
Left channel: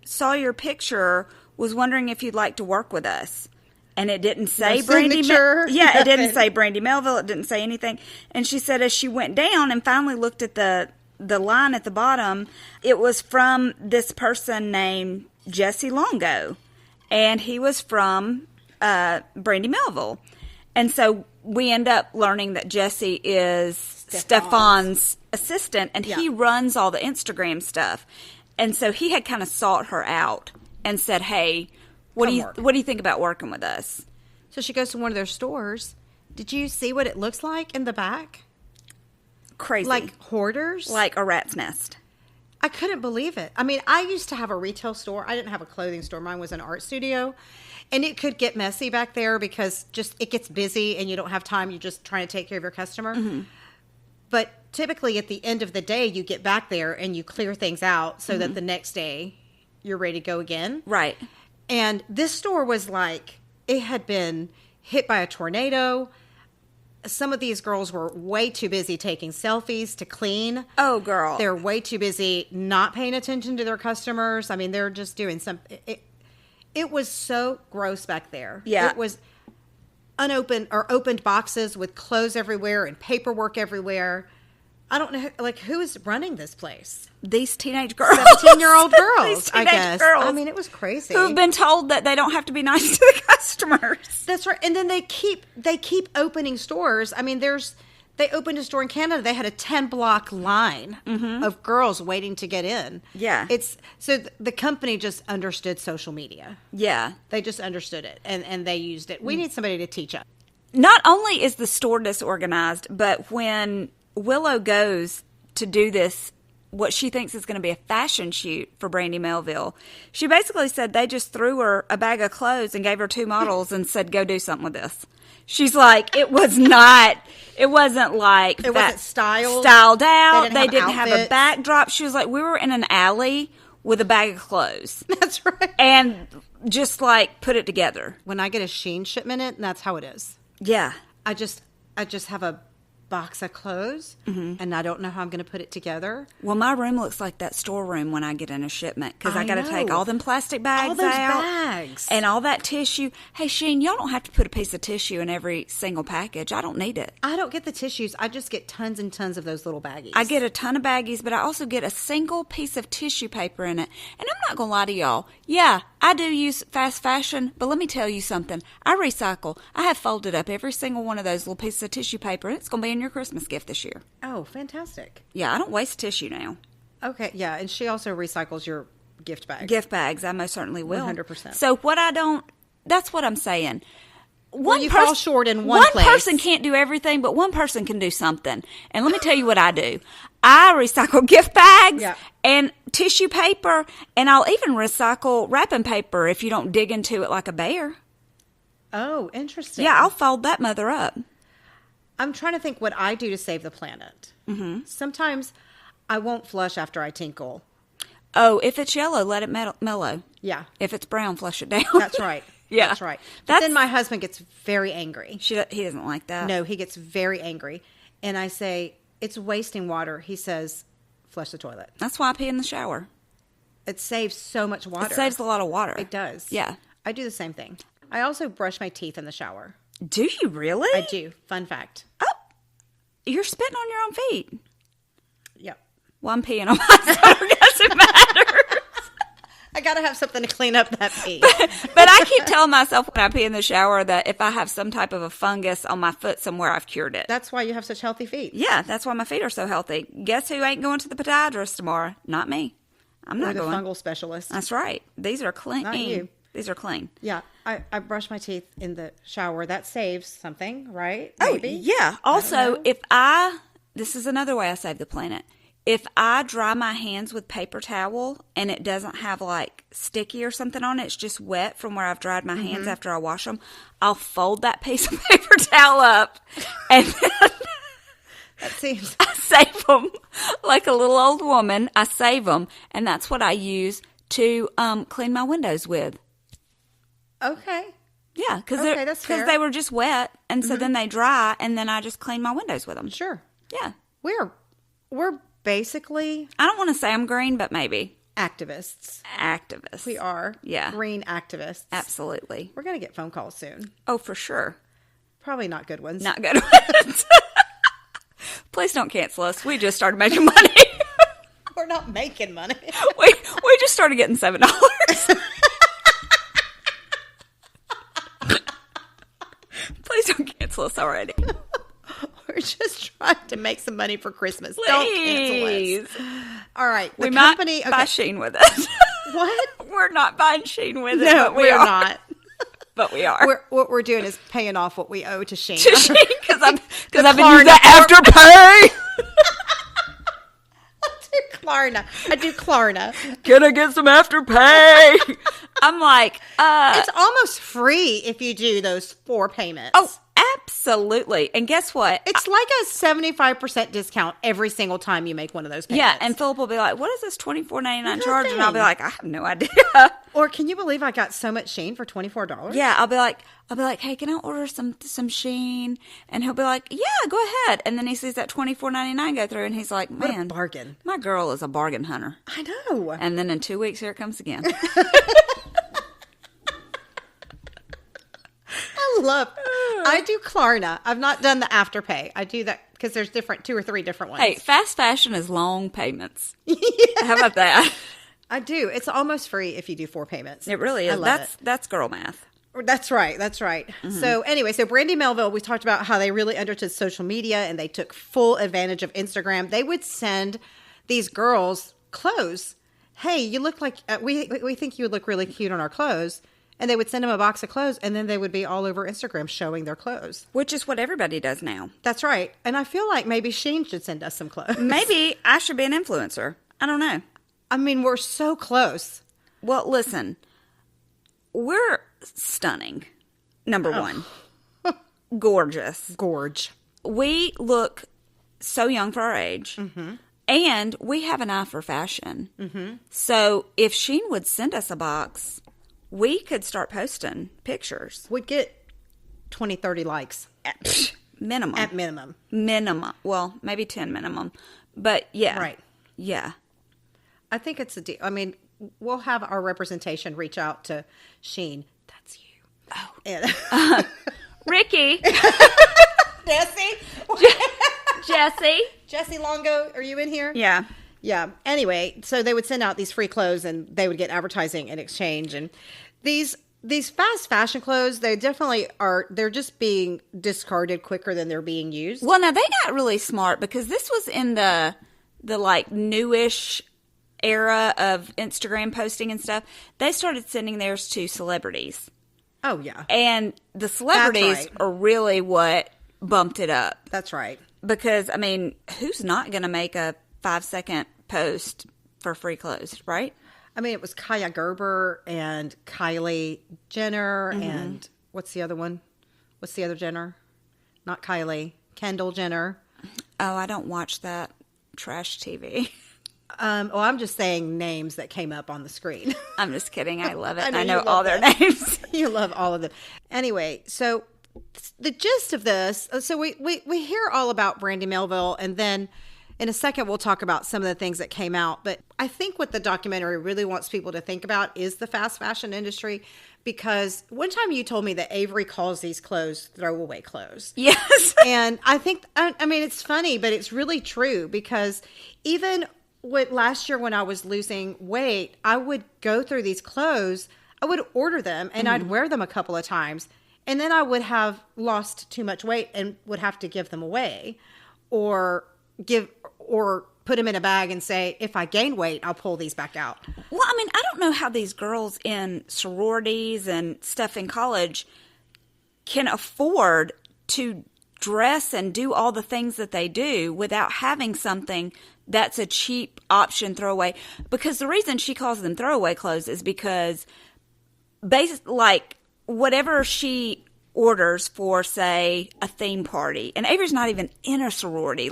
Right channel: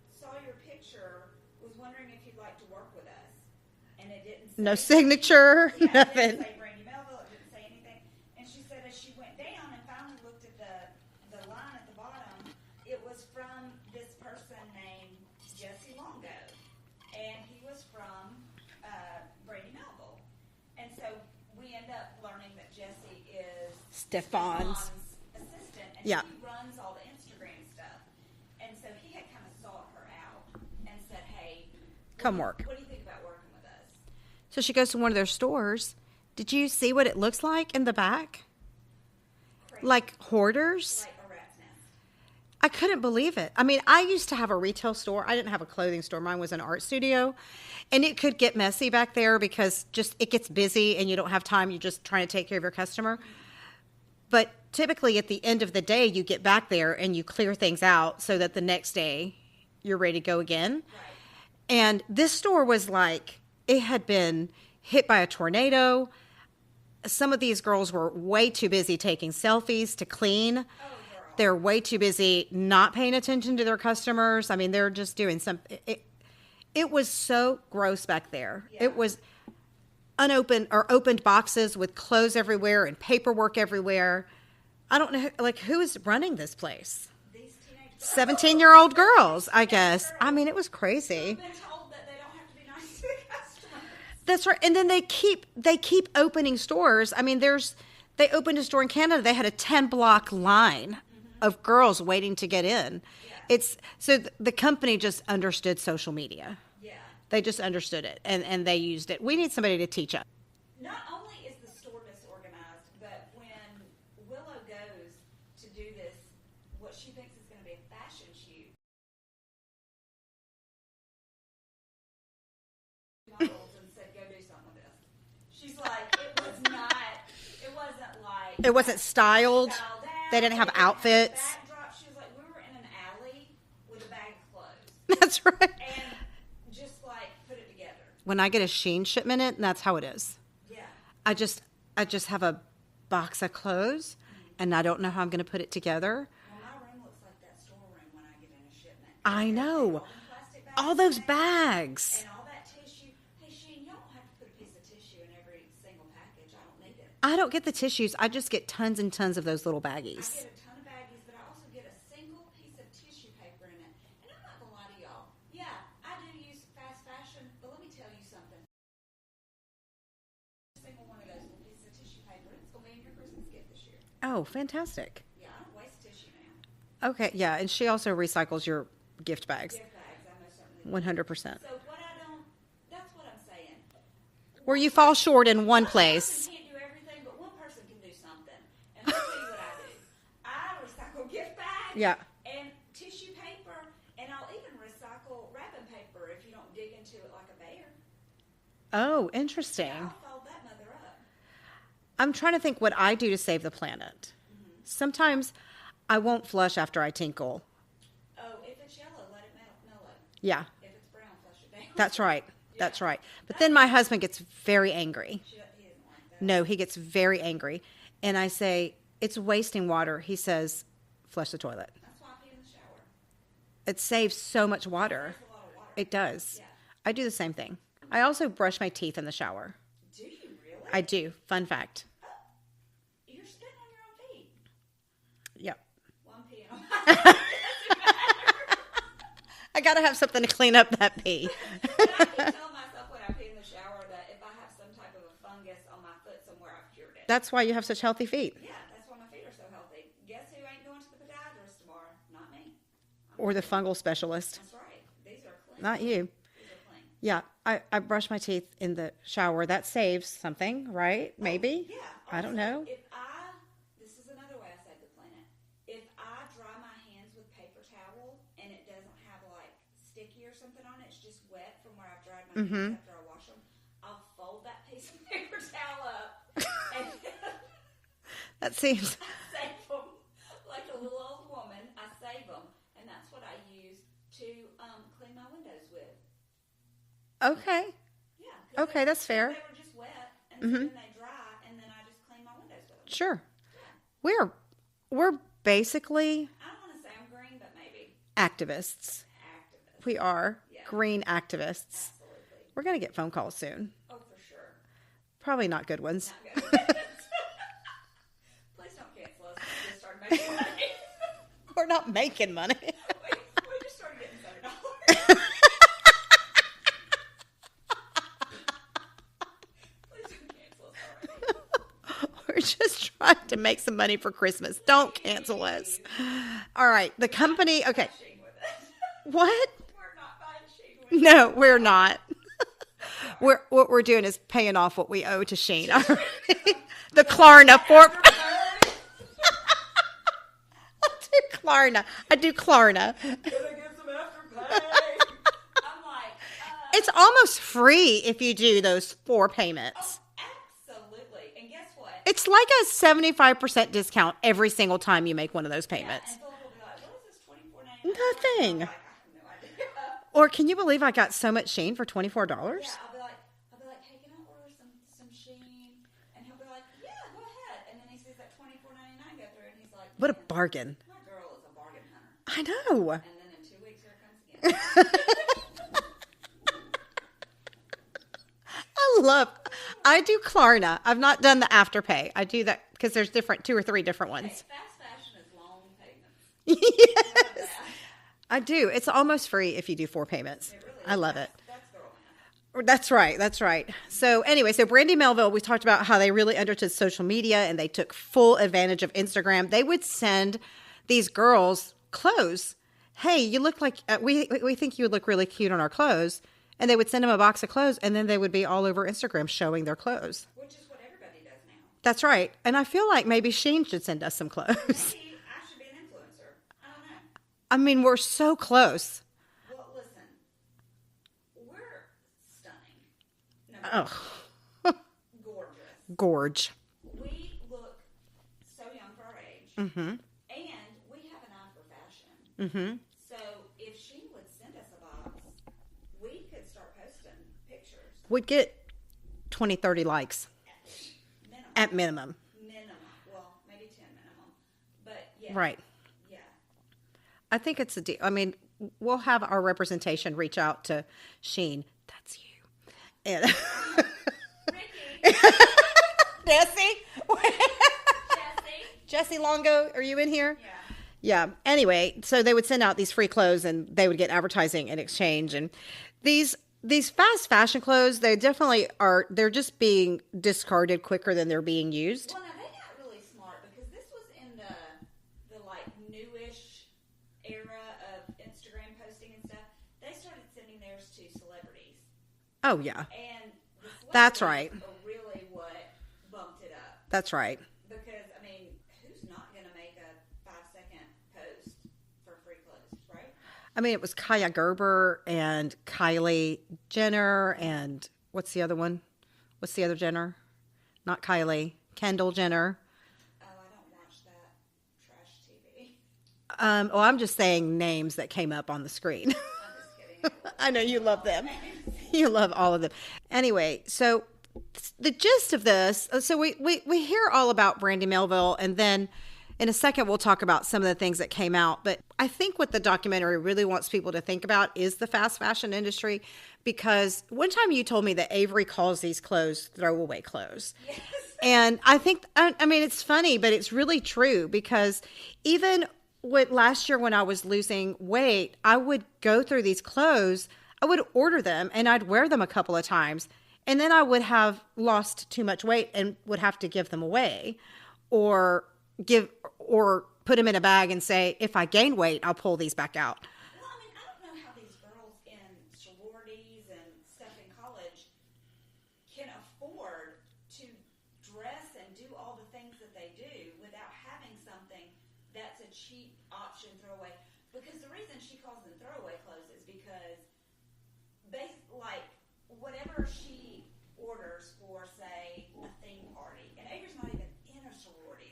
saw your picture, was wondering if you'd like to work with us. And it didn't say no signature. It didn't say Brandy Melville. It didn't say anything. And she said as she went down and finally looked at the line at the bottom, it was from this person named Jesse Longo, and he was from Brandy Melville. And so we end up learning that Jesse is Stefan's assistant, and he runs all the Instagram stuff. And so he had kind of sought her out and said, hey, what do you think about working with us? So she goes to one of their stores. Did you see what it looks like in the back? Crazy. Like hoarders? Like a rat's nest. I couldn't believe it. I mean, I used to have a retail store. I didn't have a clothing store. Mine was an art studio. And it could get messy back there because it gets busy and you don't have time. You're just trying to take care of your customer. Mm-hmm. But typically at the end of the day, you get back there and you clear things out so that the next day you're ready to go again. Right. And this store was like, it had been hit by a tornado. Some of these girls were way too busy taking selfies to clean. Oh, girl. They're way too busy not paying attention to their customers. I mean, they're just doing something. It was so gross back there. Yeah. It was unopened or opened boxes with clothes everywhere and paperwork everywhere. I don't know, like, who is running this place? These teenage girls. 17-year-old girls, I guess. Girls I mean, it was crazy. Who've been told that they don't have to be nice to the customers. That's right. And then they keep opening stores. I mean, they opened a store in Canada. They had a 10-block line of girls waiting to get in. Yeah. So the company just understood social media. Yeah. They just understood it, and they used it. We need somebody to teach us. Not only is the store disorganized, but when Willow goes to do this, what she thinks is going to be a fashion shoot for Brandy Melville, she basically said they just threw her a bag of clothes and gave her 2 models and said, go do something with this. She's like, it wasn't styled out. They didn't have a backdrop. She was like, we were in an alley with a bag of clothes. That's right. And just like put it together. When I get a Shein shipment in, that's how it is. Yeah. I just have a box of clothes and I don't know how I'm going to put it together. Well, my room looks like that storeroom when I get in a shipment because I got to take all them plastic bags all those out bags and all that tissue. Hey, Sheen, y'all don't have to put a piece of tissue in every single package. I don't need it. I don't get the tissues. I just get tons and tons of those little baggies. I get a ton of baggies, but I also get a single piece of tissue paper in it. And I'm not going to lie to y'all. Yeah, I do use fast fashion, but let me tell you something. I recycle. I have folded up every single one of those little pieces of tissue paper, and it's going to be in your Christmas gift this year. Oh, fantastic. Yeah, I don't waste tissue now. Okay, yeah, and she also recycles your gift bags. Gift bags, I most certainly will. 100%. So that's what I'm saying. Where you fall short in one place. One person can't do everything, but one person can do something. And let me tell you what I do. I recycle gift bags and tissue paper, and I'll even recycle wrapping paper if you don't dig into it like a bear. Oh, interesting. Yeah, I'll fold that mother up. I'm trying to think what I do to save the planet. Mm-hmm. Sometimes I won't flush after I tinkle. Oh, if it's yellow, let it mellow. Yeah. If it's brown, flush it down. That's right. Yeah. That's right. But then my husband gets very angry. He doesn't like that. No, he gets very angry. And I say, it's wasting water. He says, flush the toilet. That's why I pee in the shower. It saves so much water. It saves a lot of water. It does. Yeah. I do the same thing. I also brush my teeth in the shower. Do you really? I do. Fun fact. Oh, you're spitting on your own feet. Yep. Well, I'm peeing on myself. It doesn't matter. I got to have something to clean up that pee. But I keep telling myself when I pee in the shower that if I have some type of a fungus on my foot somewhere, I've cured it. That's why you have such healthy feet. Yeah, that's why my feet are so healthy. Guess who ain't going to the podiatrist tomorrow? Not me. I'm not going. Or the fungal specialist. That's right. These are clean. Not you. These are clean. Yeah, I brush my teeth in the shower. That saves something, right? Maybe. Oh, yeah. Also, this is another way I save the planet. If I dry my hands with paper towel and it doesn't have like sticky or something on it, it's just wet from where I've dried my hands after I wash them, I'll fold that piece of paper towel up and then that seems... I save them like a little old woman. I save them, and that's what I use to clean my windows with. Okay. Yeah, because that's fair. They were just wet, and so then they dry, and then I just clean my windows with them. Sure. Yeah. We're basically... I don't want to say I'm green, but maybe. Activists. We are. Yeah. Green activists. Absolutely. We're going to get phone calls soon. Oh, for sure. Probably not good ones. Not good ones. Please don't cancel us. We just started making money. We're not making money. we just started getting $7. Please don't cancel us already. We're just trying to make some money for Christmas. Please. Don't cancel us. All right. The company... Buy Sheen with us. What? We're not buying Sheen with us. No, we're not. But we are. What we're doing is paying off what we owe to Sheen. Because I've been Klarna Afterpay. I do Klarna. Gonna get some Afterpay. I'm like, it's almost free if you do those 4 payments. Oh, absolutely. And guess what? It's like a 75% discount every single time you make one of those payments. Yeah, and Philip will be like, what is this $24.99 charge? And I'll be like, I have no idea. Or can you believe I got so much Sheen for $24? Yeah, I'll be like, hey, can I order some Sheen? And he'll be like, yeah, go ahead. And then he sees that $24.99 go through, and he's like, man, what a bargain. My girl is a bargain hunter. I know. And then in 2 weeks, here it comes again. I do Klarna. I've not done the Afterpay. I do that because there's 2 or 3 different ones. Hey, fast fashion is long payments. Yeah. How about that? I do. It's almost free if you do 4 payments. It really is. I love it. That's girl math. That's right. Mm-hmm. So anyway, Brandy Melville, we talked about how they really understood social media and they took full advantage of Instagram. They would send these girls clothes. Hey, you look like, we think you would look really cute on our clothes. And they would send them a box of clothes, and then they would be all over Instagram showing their clothes. Which is what everybody does now. That's right. And I feel like maybe Sheen should send us some clothes. Maybe I should be an influencer. I don't know. I mean, we're so close. Well, listen. We're stunning. Number one. Gorgeous. Gorge. We look so young for our age. Mm-hmm. And we have an eye for fashion. Mm-hmm. So if Sheen would send us a box... we could start posting pictures. We'd get 20, 30 likes. At minimum. At minimum. Minimum. Well, maybe 10 minimum. But yeah. Right. Yeah. I think it's a deal. I mean, we'll have our representation reach out to Sheen. That's you. Oh. And Ricky. Jesse Longo, are you in here? Yeah. Yeah. Anyway, so they would send out these free clothes and they would get advertising in exchange. And these fast fashion clothes, they definitely are, they're just being discarded quicker than they're being used. Well, now they got really smart because this was in the like newish era of Instagram posting and stuff. They started sending theirs to celebrities. Oh, yeah. And the celebrities are really what bumped it up. That's right. Because, I mean, who's not going to make a 5-second post for free clothes, right? I mean, it was Kaya Gerber and Kylie Jenner and what's the other one? What's the other Jenner? Not Kylie. Kendall Jenner. Oh, I don't watch that trash TV. I'm just saying names that came up on the screen. I'm just kidding. I love it. I know all their names. You love all of them. Anyway, so the gist of this, so we hear all about Brandy Melville, and then in a second we'll talk about some of the things that came out. But I think what the documentary really wants people to think about is the fast fashion industry, because one time you told me that Avery calls these clothes throwaway clothes. Yes. And I think, I mean, it's funny, but it's really true, because even last year when I was losing weight, I would go through these clothes. I would order them and I'd wear them a couple of times. And then I would have lost too much weight and would have to give them away or put them in a bag and say, if I gain weight, I'll pull these back out. Well, I mean, I don't know how these girls in sororities and stuff in college can afford to dress and do all the things that they do without having something that's a cheap option throwaway. Because the reason she calls them throwaway clothes is because like whatever she orders for, say, a theme party, and Avery's not even in a sorority,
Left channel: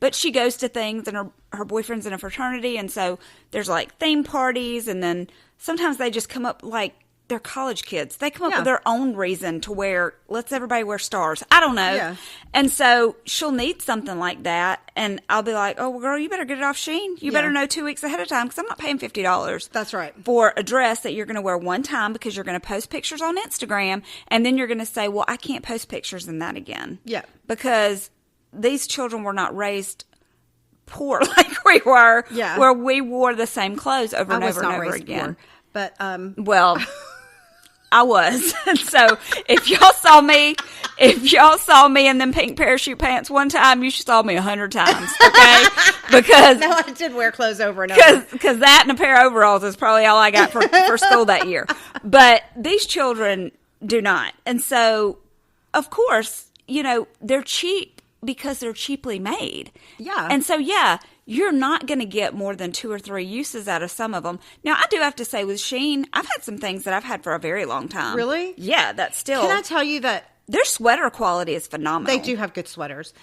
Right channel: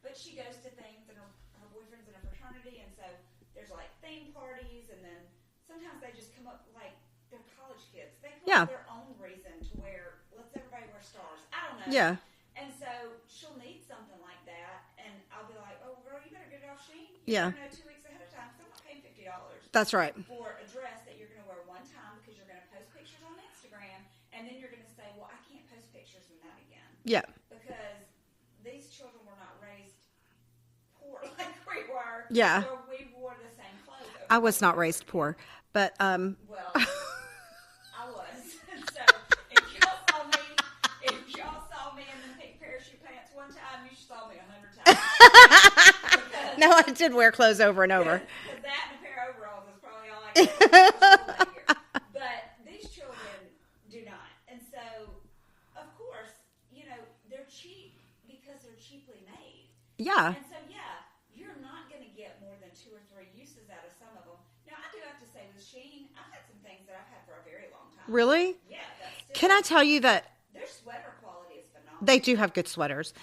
but she goes to things, and her boyfriend's in a fraternity, and so there's like theme parties, and then sometimes they just come up like they're college kids. They come up with their own reason to wear, let's everybody wear stars. I don't know. Yeah. And so she'll need something like that. And I'll be like, oh, well, girl, you better get it off Shein. You better know 2 weeks ahead of time because I'm not paying $50. That's right. For a dress that you're going to wear one time because you're going to post pictures on Instagram. And then you're going to say, well, I can't post pictures in that again. Yeah. Because these children were not raised poor like we were. Yeah. Where we wore the same clothes over and over again. I was not raised poor. But, well... I was. So if y'all saw me in them pink parachute pants one time, you saw me 100 times. Okay? Because no, I did wear clothes over and over. Because that and a pair of overalls is probably all I got for school that year. But these children do not. And so, of course, they're cheap because they're cheaply made. Yeah. And so, you're not going to get more than 2 or 3 uses out of some of them. Now, I do have to say with Shein, I've had some things that I've had for a very long time. Really? Yeah, that's still... Can I tell you that... Their sweater quality is phenomenal. They do have good sweaters.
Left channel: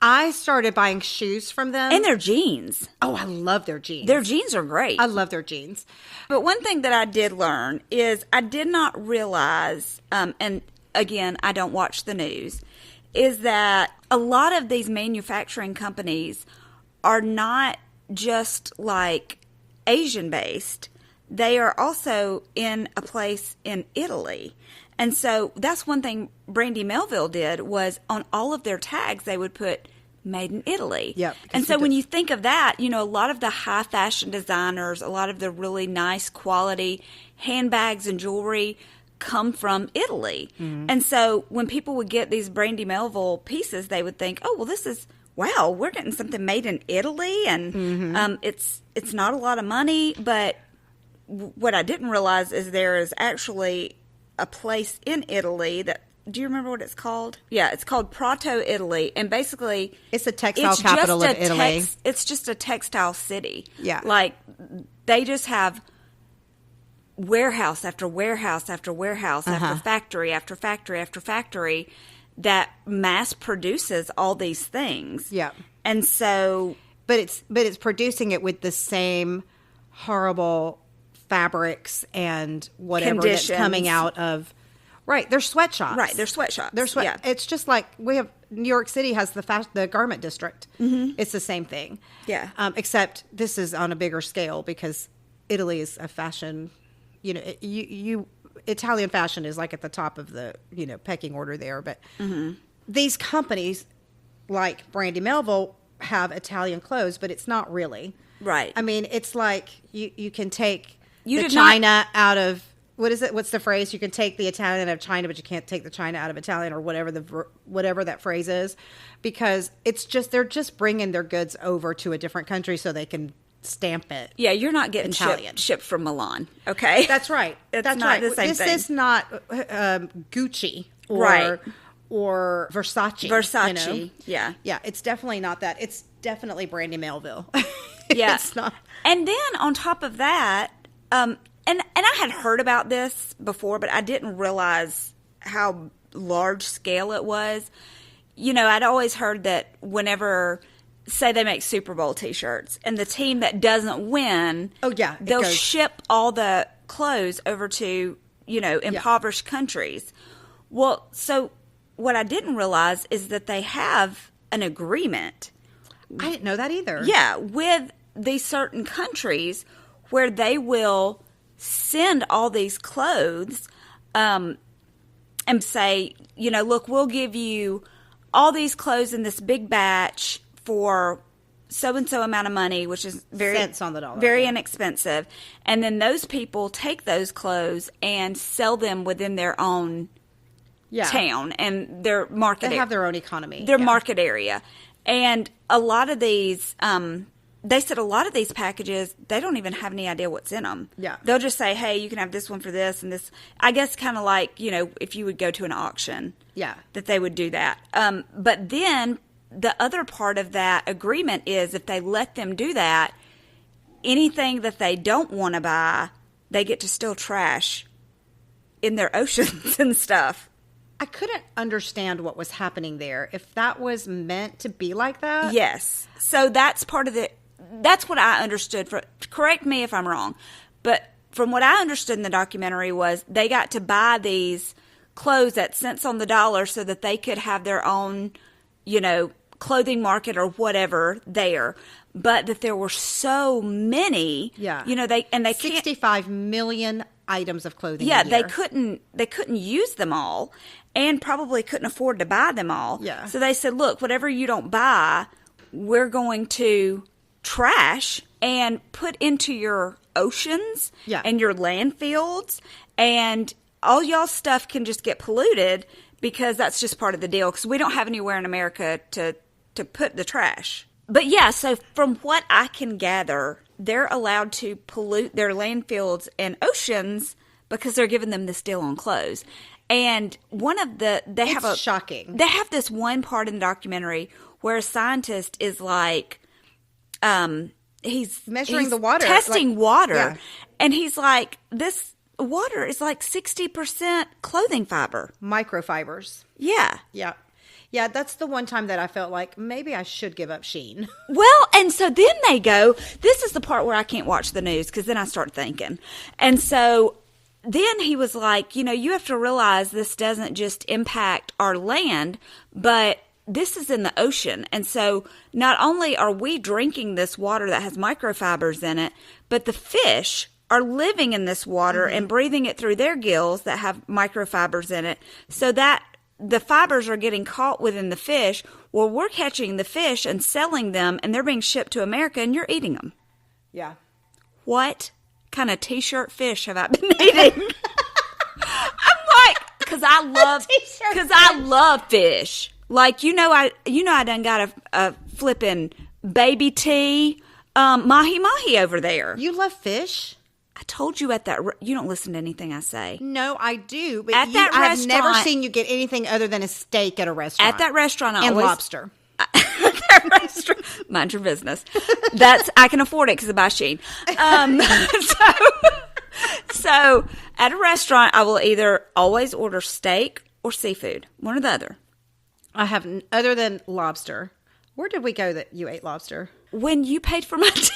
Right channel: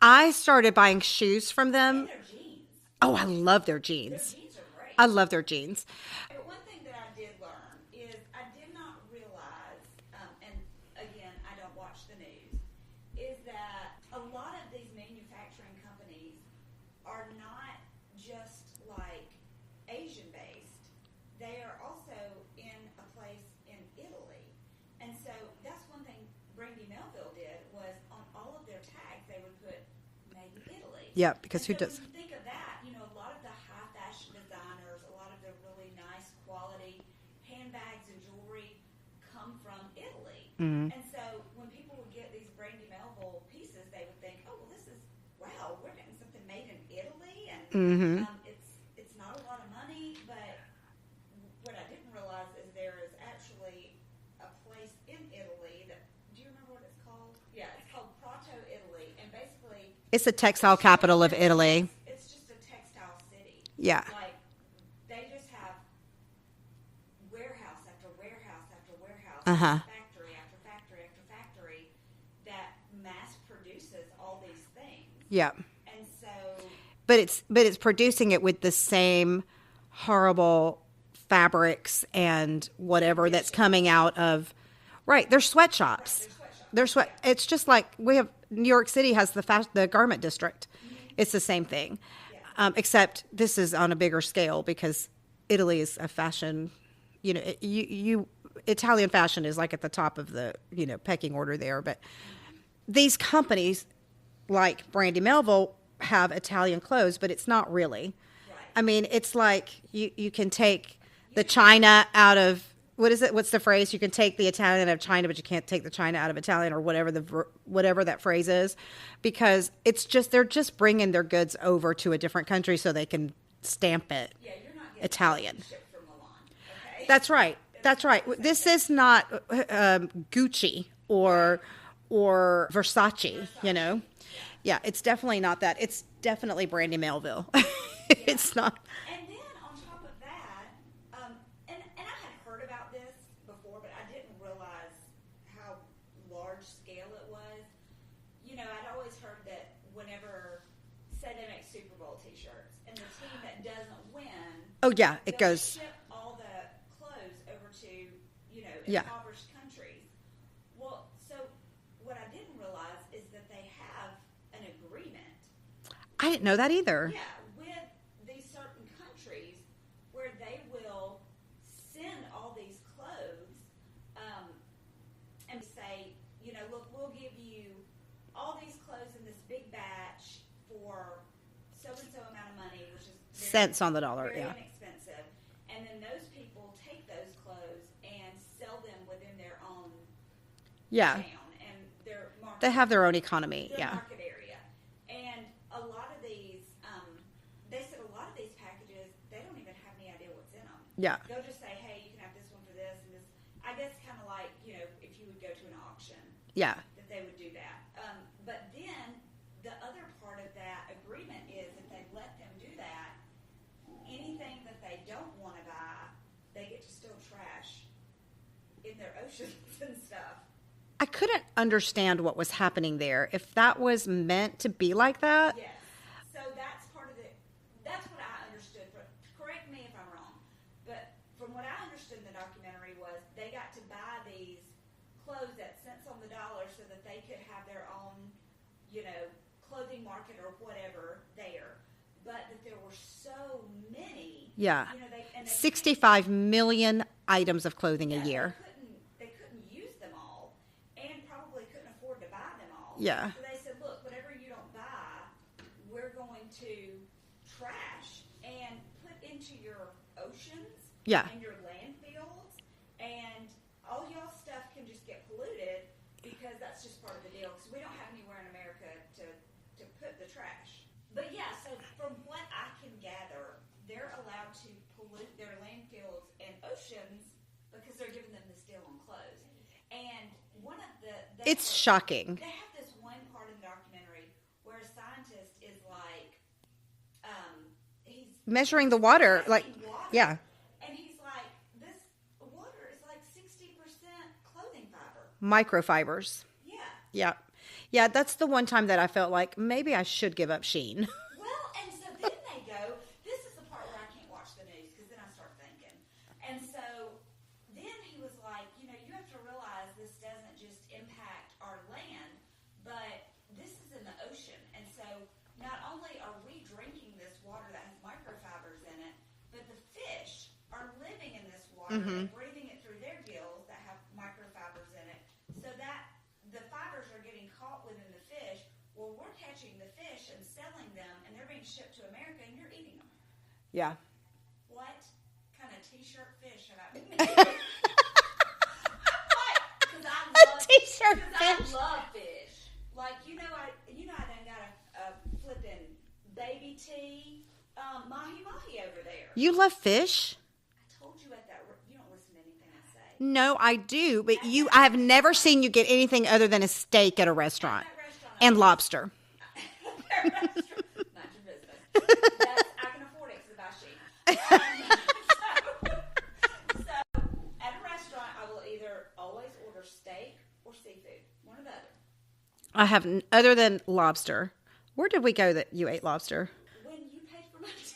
I started buying shoes from them. And their jeans. Oh, I love their jeans. Their jeans are great. I love their jeans. But one thing that I did learn is I did not realize, and again, I don't watch the news, is that a lot of these manufacturing companies are not just like Asian based. They are also in a place in Italy. And so that's one thing Brandy Melville did was on all of their tags they would put made in Italy. Yeah. And so when you think of that, a lot of the high fashion designers, a lot of the really nice quality handbags and jewelry come from Italy. Mm-hmm. And so when people would get these Brandy Melville pieces, they would think, oh, well, this is wow, we're getting something made in Italy, and it's not a lot of money, but what I didn't realize is there is actually a place in Italy that, do you remember what it's called? Yeah, it's called Prato, Italy, and basically... It's the textile capital of Italy. It's just a textile city. Yeah. Like, they just have warehouse after warehouse after warehouse after factory after factory after factory that mass produces all these things. Yeah. And so... But it's producing it with the same horrible fabrics and whatever that's coming out of... Right, they're sweatshops. Right, they're sweatshops. Yeah. It's just like we have... New York City has the garment district. Mm-hmm. It's the same thing. Yeah. Except this is on a bigger scale because Italy is a fashion... Italian fashion is like at the top of the, pecking order there. But these companies like Brandy Melville have Italian clothes, but it's not really. Right. I mean, it's like you can take the China out of, what is it? What's the phrase? You can take the Italian out of China, but you can't take the China out of Italian or whatever that phrase is, because they're just bringing their goods over to a different country so they can stamp it. Yeah, you're not getting Italian shipped from Milan. Okay, that's right. That's right. This is not Gucci or Versace. Versace. Yeah. Yeah. It's definitely not that. It's definitely Brandy Melville. Yeah. It's not. And then on top of that, and I had heard about this before, but I didn't realize how large scale it was. I'd always heard that whenever, say they make Super Bowl T-shirts, and the team that doesn't win, they'll ship all the clothes over to, impoverished countries. Well, so what I didn't realize is that they have an agreement. I didn't know that either. Yeah, with these certain countries where they will send all these clothes and say, look, we'll give you all these clothes in this big batch for so-and-so amount of money, which is very cents on the dollar, very inexpensive. And then those people take those clothes and sell them within their own town and their market. They have their own economy. Their market area. And a lot of these, they said a lot of these packages, they don't even have any idea what's in them. Yeah. They'll just say, hey, you can have this one for this and this. I guess kind of like, if you would go to an auction. Yeah. That they would do that. But then the other part of that agreement is if they let them do that, anything that they don't want to buy, they get to still trash in their oceans and stuff. I couldn't understand what was happening there. If that was meant to be like that. Yes. So that's part of that's what I understood. Correct me if I'm wrong. But from what I understood in the documentary was they got to buy these clothes at cents on the dollar so that they could have their own, clothing market or whatever there, but that there were so many. Yeah. They 65 million items of clothing. Yeah, a year. they couldn't use them all, and probably couldn't afford to buy them all. Yeah. So they said, look, whatever you don't buy, we're going to trash and put into your oceans and your landfills, and all y'all stuff can just get polluted because that's just part of the deal, because we don't have anywhere in America to put the trash. But yeah, so from what I can gather, they're allowed to pollute their landfills and oceans because they're giving them this deal on clothes. And it's shocking. They have this one part in the documentary where a scientist is like, he's measuring the water, testing water, and he's like, this water is like 60% clothing fiber, microfibers. Yeah, that's the one time that I felt like maybe I should give up Shein. Well, and so then they go, this is the part where I can't watch the news because then I start thinking. And so then he was like, you have to realize this doesn't just impact our land, but this is in the ocean. And so not only are we drinking this water that has microfibers in it, but the fish are living in this water and breathing it through their gills that have microfibers in it, so that the fibers are getting caught within the fish. Well, we're catching the fish and selling them, and they're being shipped to America, and you're eating them. Yeah. What kind of T-shirt fish have I been eating? I'm like, because I love fish. Like, I done got a flipping baby T mahi over there. You love fish? I told you you don't listen to anything I say. No, I do, but I have never seen you get anything other than a steak at a restaurant. At that restaurant, lobster. At that restaurant, mind your business. I can afford it because I buy Shein. So at a restaurant, I will either always order steak or seafood, one or the other. I have other than lobster. Where did we go that you ate lobster? When you paid for my dinner.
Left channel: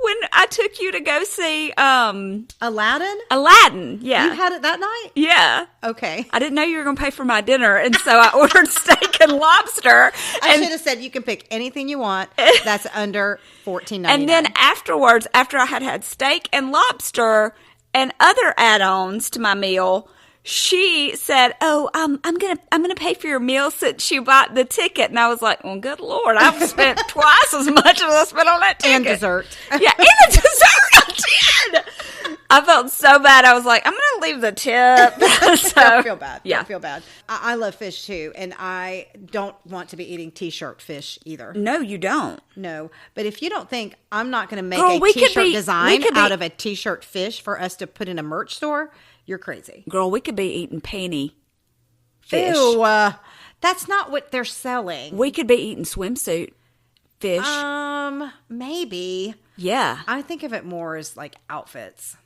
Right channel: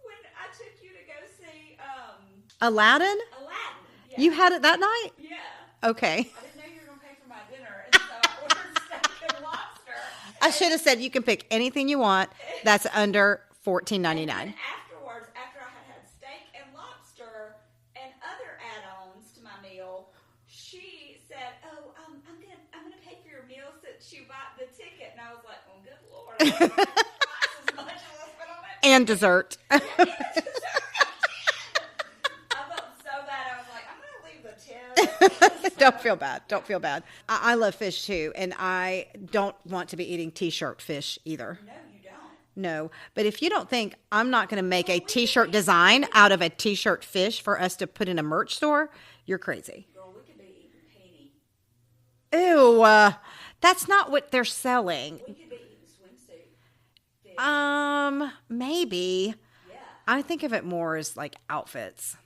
When I took you to go see Aladdin? Aladdin, yeah. You had it that night? Yeah. Okay. I didn't know you were going to pay for my dinner, and so I ordered steak and lobster. I should have said you can pick anything you want that's under $14.99. And then afterwards, after I had steak and lobster and other add-ons to my meal, she said, "Oh, I'm gonna pay for your meal since you bought the ticket." And I was like, "Well, good Lord, I've spent twice as much as I spent on that ticket." And dessert. Yeah, and the dessert I did. I felt so bad. I was like, I'm gonna leave the tip. Don't feel bad. Yeah. Don't feel bad. I love fish too, and I don't want to be eating T-shirt fish either. No, you don't. No, but if you don't think I'm not going to make a T-shirt design out of a T-shirt fish for us to put in a merch store, you're crazy. Girl, we could be eating panty fish. Ew, that's not what they're selling. We could be eating swimsuit fish. Maybe. Yeah. I think of it more as like outfits.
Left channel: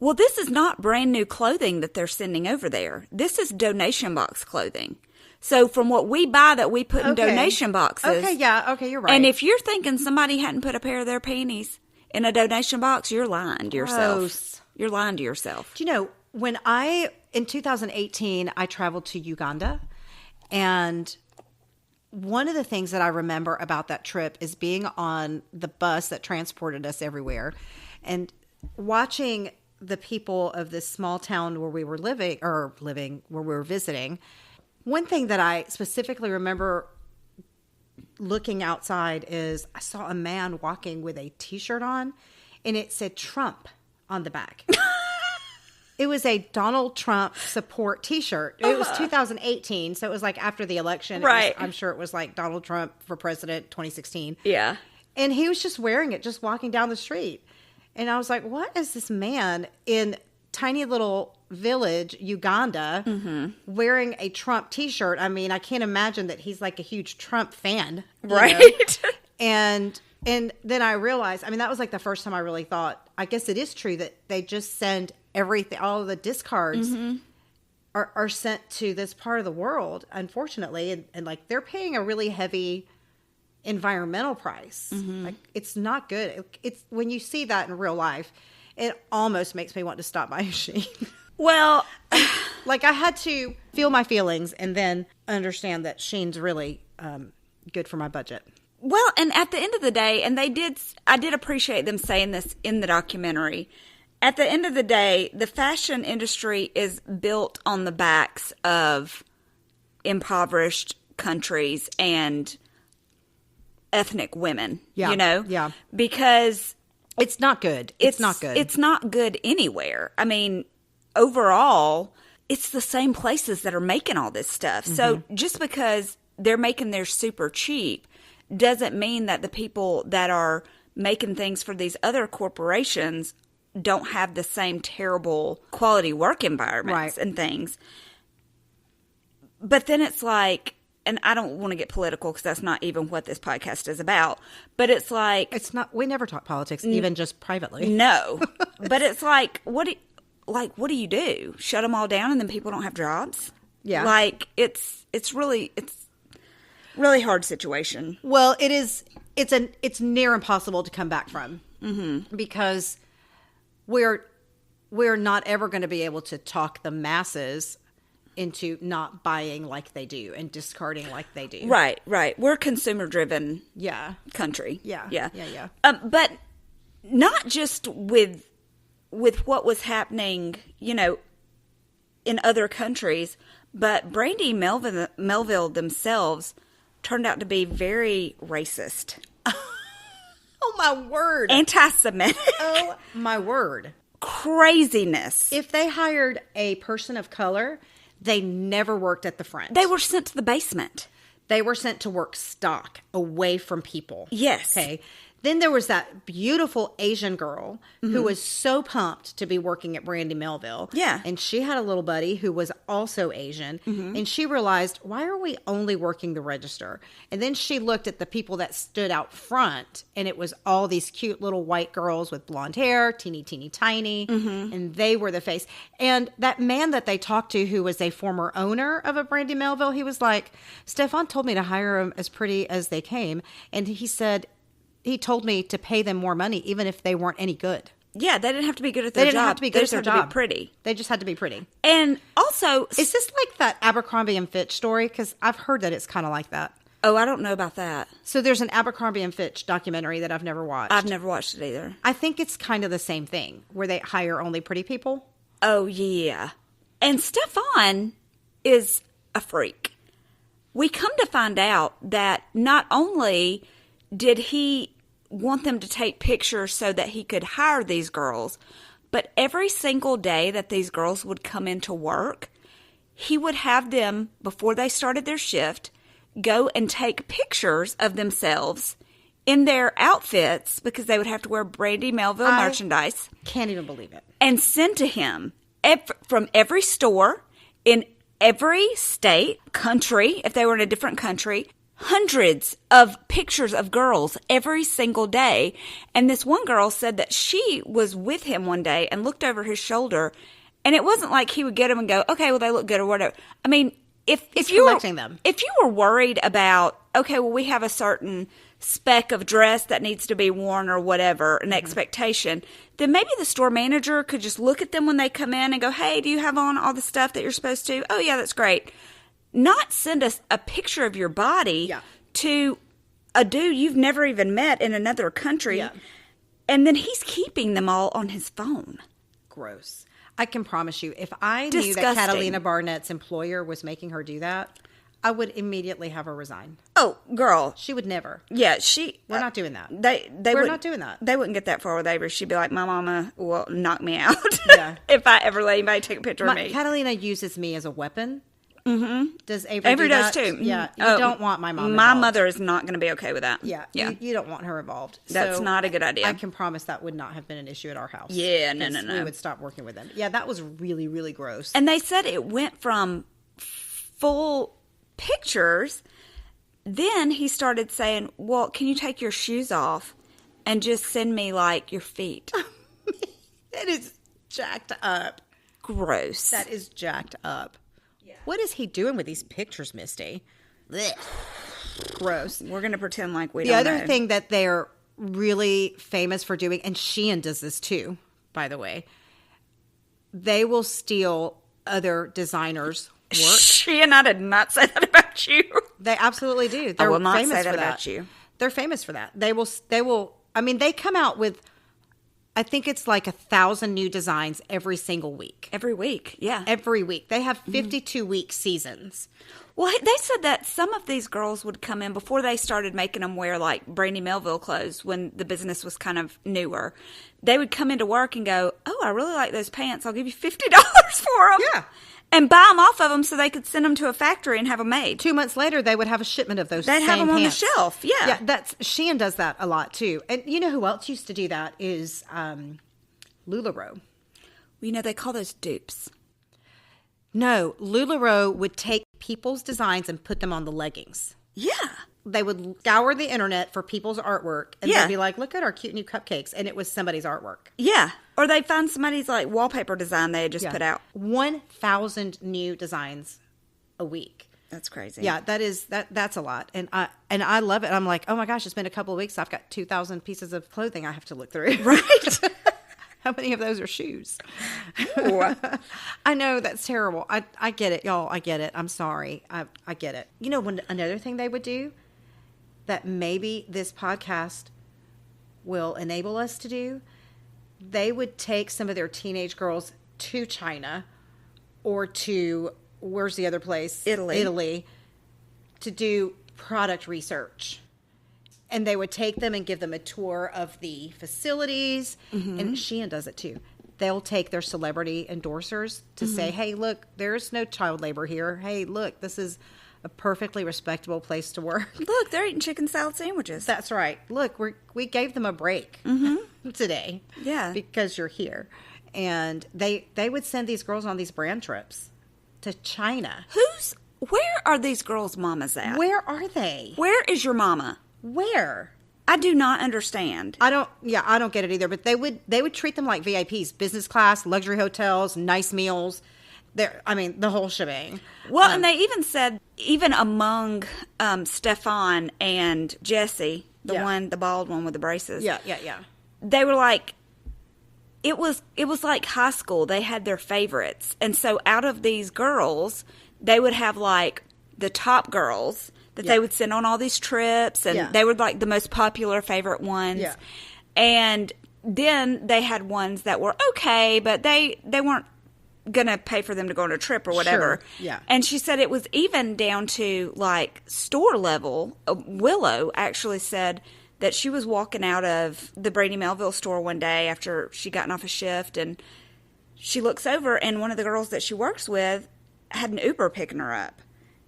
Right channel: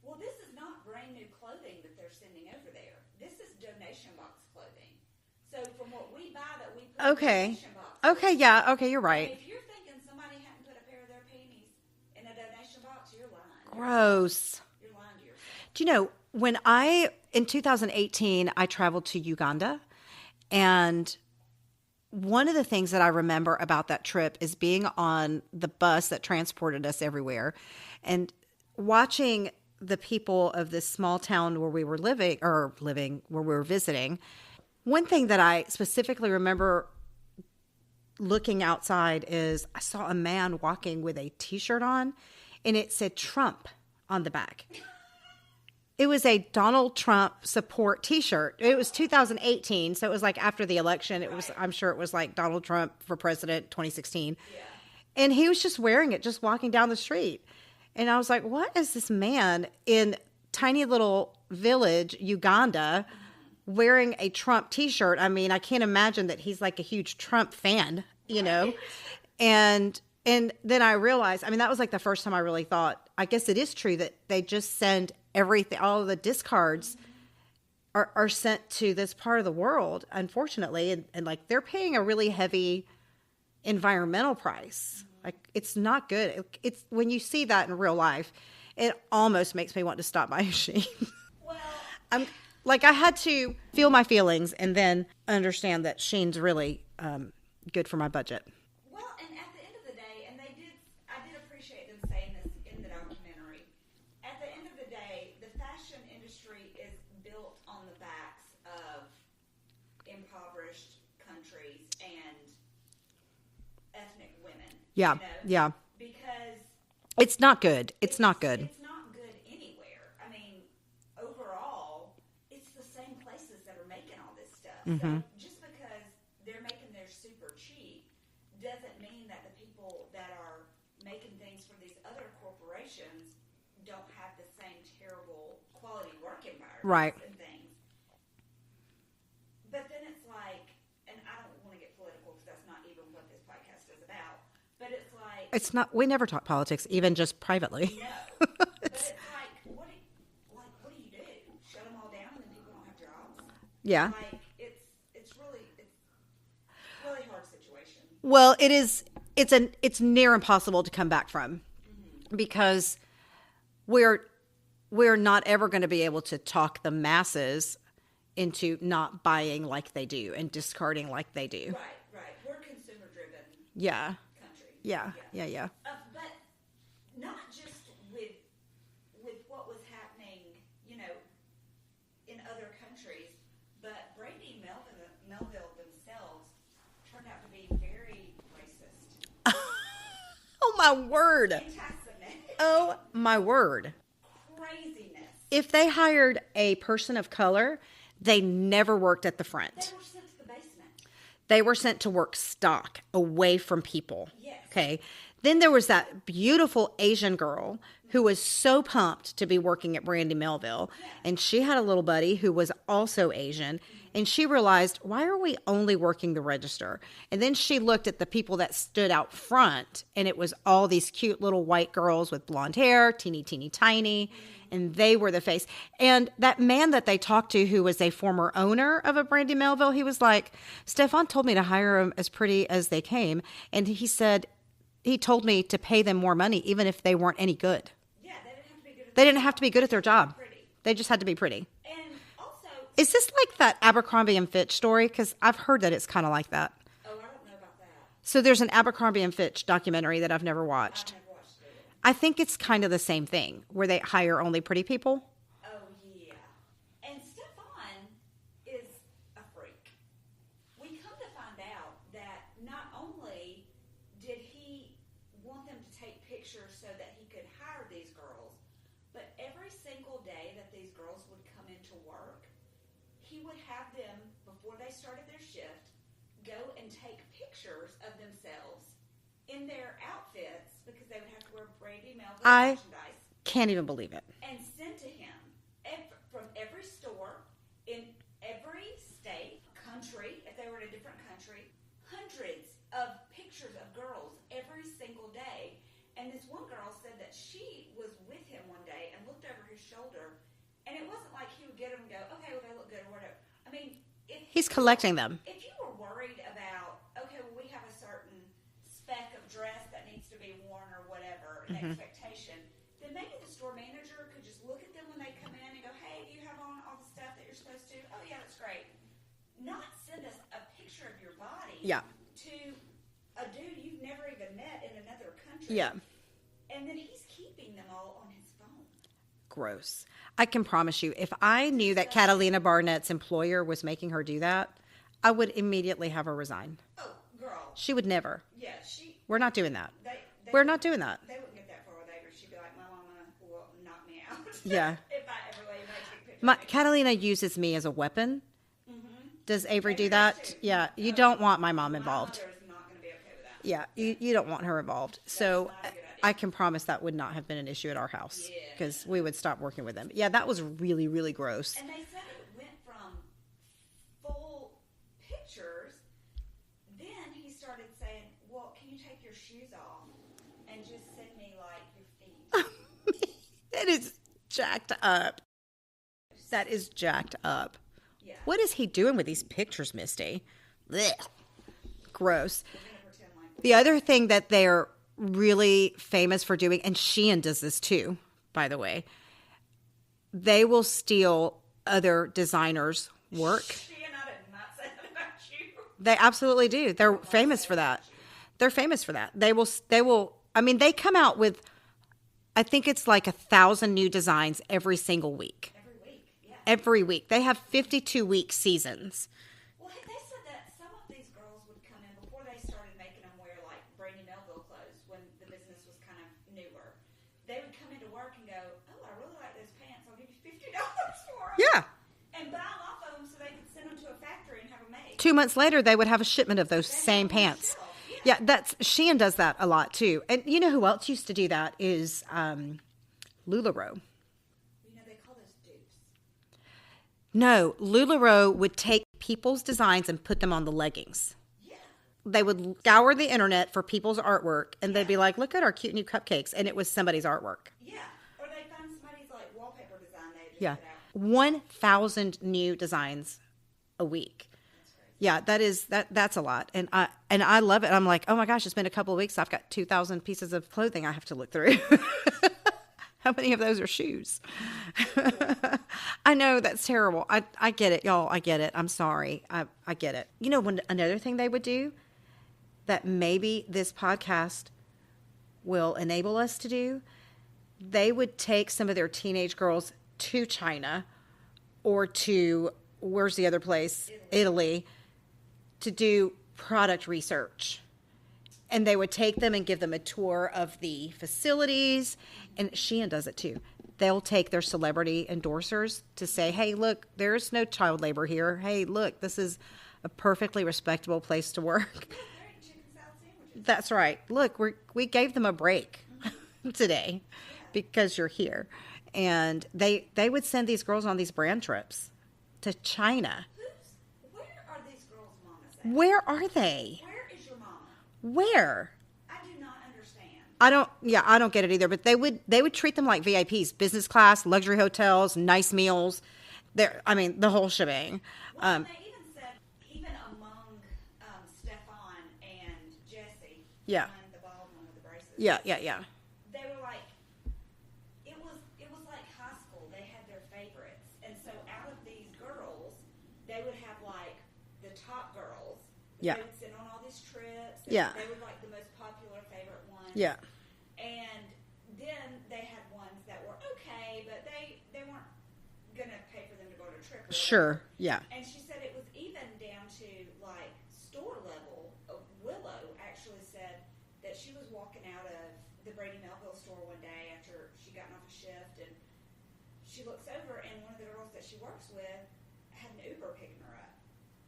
Well, this is not brand new clothing that they're sending over there. This is donation box clothing. So from what we buy that we put in donation boxes. Okay, yeah. Okay, you're right. And if you're thinking somebody hadn't put a pair of their panties in a donation box, you're lying to yourself. You're lying to yourself. Do you know, in 2018, I traveled to Uganda, and one of the things that I remember about that trip is being on the bus that transported us everywhere and watching the people of this small town where we were where we were visiting. One thing that I specifically remember looking outside is I saw a man walking with a T-shirt on, and it said Trump on the back. It was a Donald Trump support T-shirt. It was 2018, so it was like after the election. Right. I'm sure it was like Donald Trump for president 2016. Yeah. And he was just wearing it, just walking down the street. And I was like, what is this man in tiny little village, Uganda, wearing a Trump T-shirt? I mean, I can't imagine that he's like a huge Trump fan. Right. And then I realized, I mean, that was like the first time I really thought, I guess it is true that they just send everything, all of the discards are sent to this part of the world, unfortunately. And like they're paying a really heavy environmental price. Like it's not good. It's when you see that in real life, it almost makes me want to stop buying Shein. Well, like I had to feel my feelings and then understand that Shein's really good for my budget. Well, and at the end of the day, and I did appreciate them saying this in the documentary. At the end of the day, the fashion industry is built on the backs of impoverished countries and ethnic women. Yeah. You know? Yeah. Because it's not good. It's not good. It's not good anywhere. I mean, overall, it's the same places that are making all this stuff. So just because they're making theirs super cheap doesn't mean that the people that are making things for these other corporations don't have the same terrible quality work environments and things. But then it's like, and I don't want to get political because that's not even what this podcast is about, but it's like... It's not, we never talk politics, even just privately. No. But it's like, what do you do? Shut them all down and then people don't have jobs? Yeah. Like, it's really hard situation. Well, it's near impossible to come back from because we're not ever going to be able to talk the masses into not buying like they do and discarding like they do. Right. We're a consumer-driven country. Yeah. But not just with what was happening, you know, in other countries, but Brandy and Melville themselves turned out to be very racist. Oh, my word. Anti-Semitic. Oh, my word. Craziness. If they hired a person of color, they never worked at the front. They were sent to the basement. They were sent to work stock away from people. Yes. Okay. Then there was that beautiful Asian girl who was so pumped to be working at Brandy Melville. Yeah. And she had a little buddy who was also Asian. And she realized, why are we only working the register? And then she looked at the people that stood out front, and it was all these cute little white girls with blonde hair, teeny, tiny. And they were the face. And that man that they talked to, who was a former owner of a Brandy Melville, he was like, Stefan told me to hire them as pretty as they came. And he said... He told me to pay them more money, even if they weren't any good. Yeah, they didn't have to be good at their job. They didn't have to be good at their job. Pretty. They just had to be pretty. And also... Is this like that Abercrombie and Fitch story? Because I've heard that it's kind of like that. Oh, I don't know about that. So there's an Abercrombie and Fitch documentary that I've never watched. I've never watched it either. I think it's kind of the same thing, where they hire only pretty people. Oh, yeah. And Stefan is a freak. We come to find out that not only did he want them to take pictures so that he could hire these girls, but every single day that these girls would come into work, he would have them, before they started their shift, go and take pictures of themselves in their outfits, because they would have to wear Brandy Melville merchandise. Can't even believe it. And send to him from every store in every state, country, if they were in a different country, hundreds of pictures of girls every single day. And this one girl said that she was with him one day and looked over his shoulder, and it wasn't like he would get them and go, okay, well, they look good or whatever. I mean, if you collecting them. If you were worried about, okay, well, we have a certain speck of dress that needs to be worn or whatever, an expectation, then maybe the store manager could just look at them when they come in and go, hey, do you have on all the stuff that you're supposed to? Oh, yeah, that's great. Not send us a picture of your body to a dude you've never even met in another country. Yeah. And then he's keeping them all on his phone. Gross. I can promise you, if I knew that Catalina Barnett's employer was making her do that, I would immediately have her resign. Oh, girl. She would never. Yeah, We're not doing that. We're not doing that. They wouldn't get that far with Avery. She'd be like, my mama will knock me out. Yeah. If I ever let anybody take a picture of me. Catalina uses me as a weapon. Mm-hmm. Does Avery do that? Does too. Yeah. You don't want my mom involved. My mother is not going to be okay with that. Yeah. You don't want her involved. That's not a good idea. I can promise that would not have been an issue at our house. Yeah, no. We would stop working with them. Yeah, that was really, really gross. And they said it went from full pictures. Then he started saying, well, can you take your shoes off and just send me, like, your feet? That is jacked up. Gross. That is jacked up. Yeah. What is he doing with these pictures, Misty? Blech. Gross. We're going to pretend like we The don't other know. thing that they're really famous for doing, and Shein does this too, by the way, they will steal other designers' work. Shein, I did not say that about you. They absolutely do. They're famous for that. About you. They're famous for that. They will, I mean, they come out with, I think it's like 1,000 new designs every single week. Every week, yeah. Every week. They have 52-week seasons. Well, they said that some of these girls would come in before they started making them wear, like, Brandy Melville clothes when the business was kind of newer. They would come into work and go, oh, I really like those pants. I'll give you $50 for them. Yeah. And buy them off of them so they could send them to a factory and have them made. 2 months later, they would have a shipment of those They'd same have them pants. on the shelf, yeah. Yeah, Shein does that a lot, too. And you know who else used to do that is LuLaRoe. You know, they call those dupes. No, LuLaRoe would take people's designs and put them on the leggings. Yeah. They would scour the internet for people's artwork, and Yeah. they'd be like, look at our cute new cupcakes. And it was somebody's artwork. Yeah. Or they'd find somebody's, like, wallpaper design they had just put out. 1,000 new designs a week. That's crazy. Yeah, that's a lot. And I love it. I'm like, oh my gosh, it's been a couple of weeks. I've got 2,000 pieces of clothing I have to look through. Right. How many of those are shoes? I know, that's terrible. I get it, y'all. I get it. I'm sorry. I get it. You know, another thing they would do that maybe this podcast will enable us to do, they would take some of their teenage girls to China or to, where's the other place? Italy, to do product research. And they would take them and give them a tour of the facilities. Mm-hmm. And Shein does it too. They'll take their celebrity endorsers to say, hey, look, there's no child labor here. Hey, look, this is a perfectly respectable place to work. Look, they're eating chicken salad sandwiches. That's right. Look, we gave them a break today. Yeah. Because you're here. And they would send these girls on these brand trips to China. Where are these girls' mamas at? Where are they? Where is your mama? Where? I do not understand. I don't get it either, but they would treat them like VIPs, business class, luxury hotels, nice meals. The whole shebang. Well, and they even said, even among Stefan and Jesse, the bald one with the braces. Yeah. They were like, it was like high school. They had their favorites. And so out of these girls, they would have like the top girls that they would send on all these trips, and they were like the most popular favorite ones. Yeah. And then they had ones that were okay, but they weren't gonna pay for them to go on a trip or whatever. Sure. Yeah. And she said it was even down to like store level. Willow actually said that she was walking out of the Brandy Melville store one day after she gotten off a shift, and she looks over, and one of the girls that she works with had an Uber picking her up,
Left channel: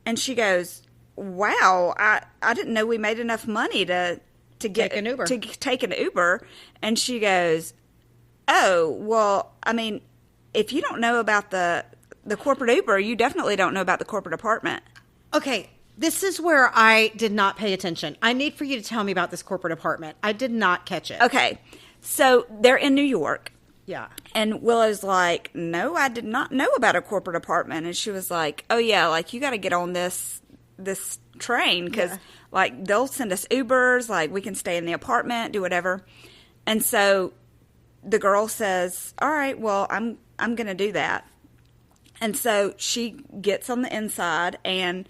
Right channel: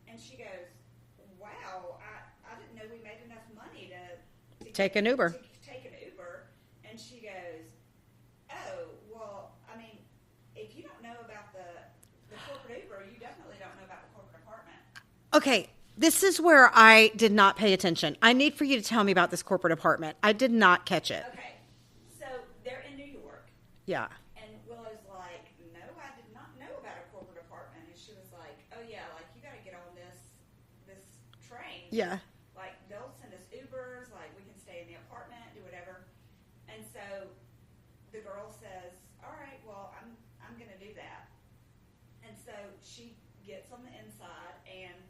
and she goes, wow, I didn't know we made enough money to take an Uber. To take an Uber. And she goes, oh, well, I mean, if you don't know about the corporate Uber, you definitely don't know about the corporate apartment. Okay, this is where I did not pay attention. I need for you to tell me about this corporate apartment. I did not catch it. Okay, so they're in New York. Yeah. And Willow's like, no, I did not know about a corporate apartment. And she was like, oh, yeah, like, you got to get on this train because like they'll send us Ubers, like we can stay in the apartment, do whatever. And so the girl says, all right, well, I'm gonna do that. And so she gets on the inside and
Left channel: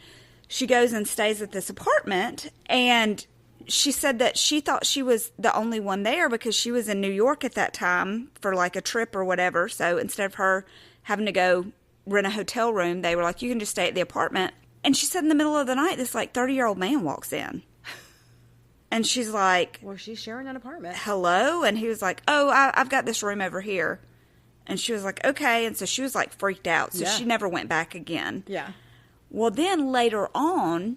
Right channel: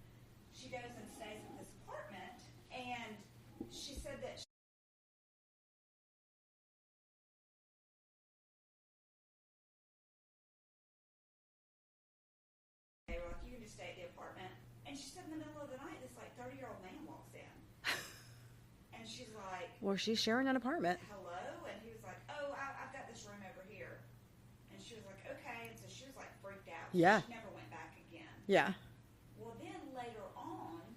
she goes and stays at this apartment, and she said that she thought she was the only one there because she was in New York at that time for like a trip or whatever. So instead of her having to go rent a hotel room, they were like, you can just stay at the apartment. And she said in the middle of the night, this like 30-year-old man walks in. And she's like, well, she's sharing an apartment. Hello? And he was like, oh, I've got this room over here. And she was like, okay. And so she was like freaked out. So she never went back again. Yeah. Well, then later on,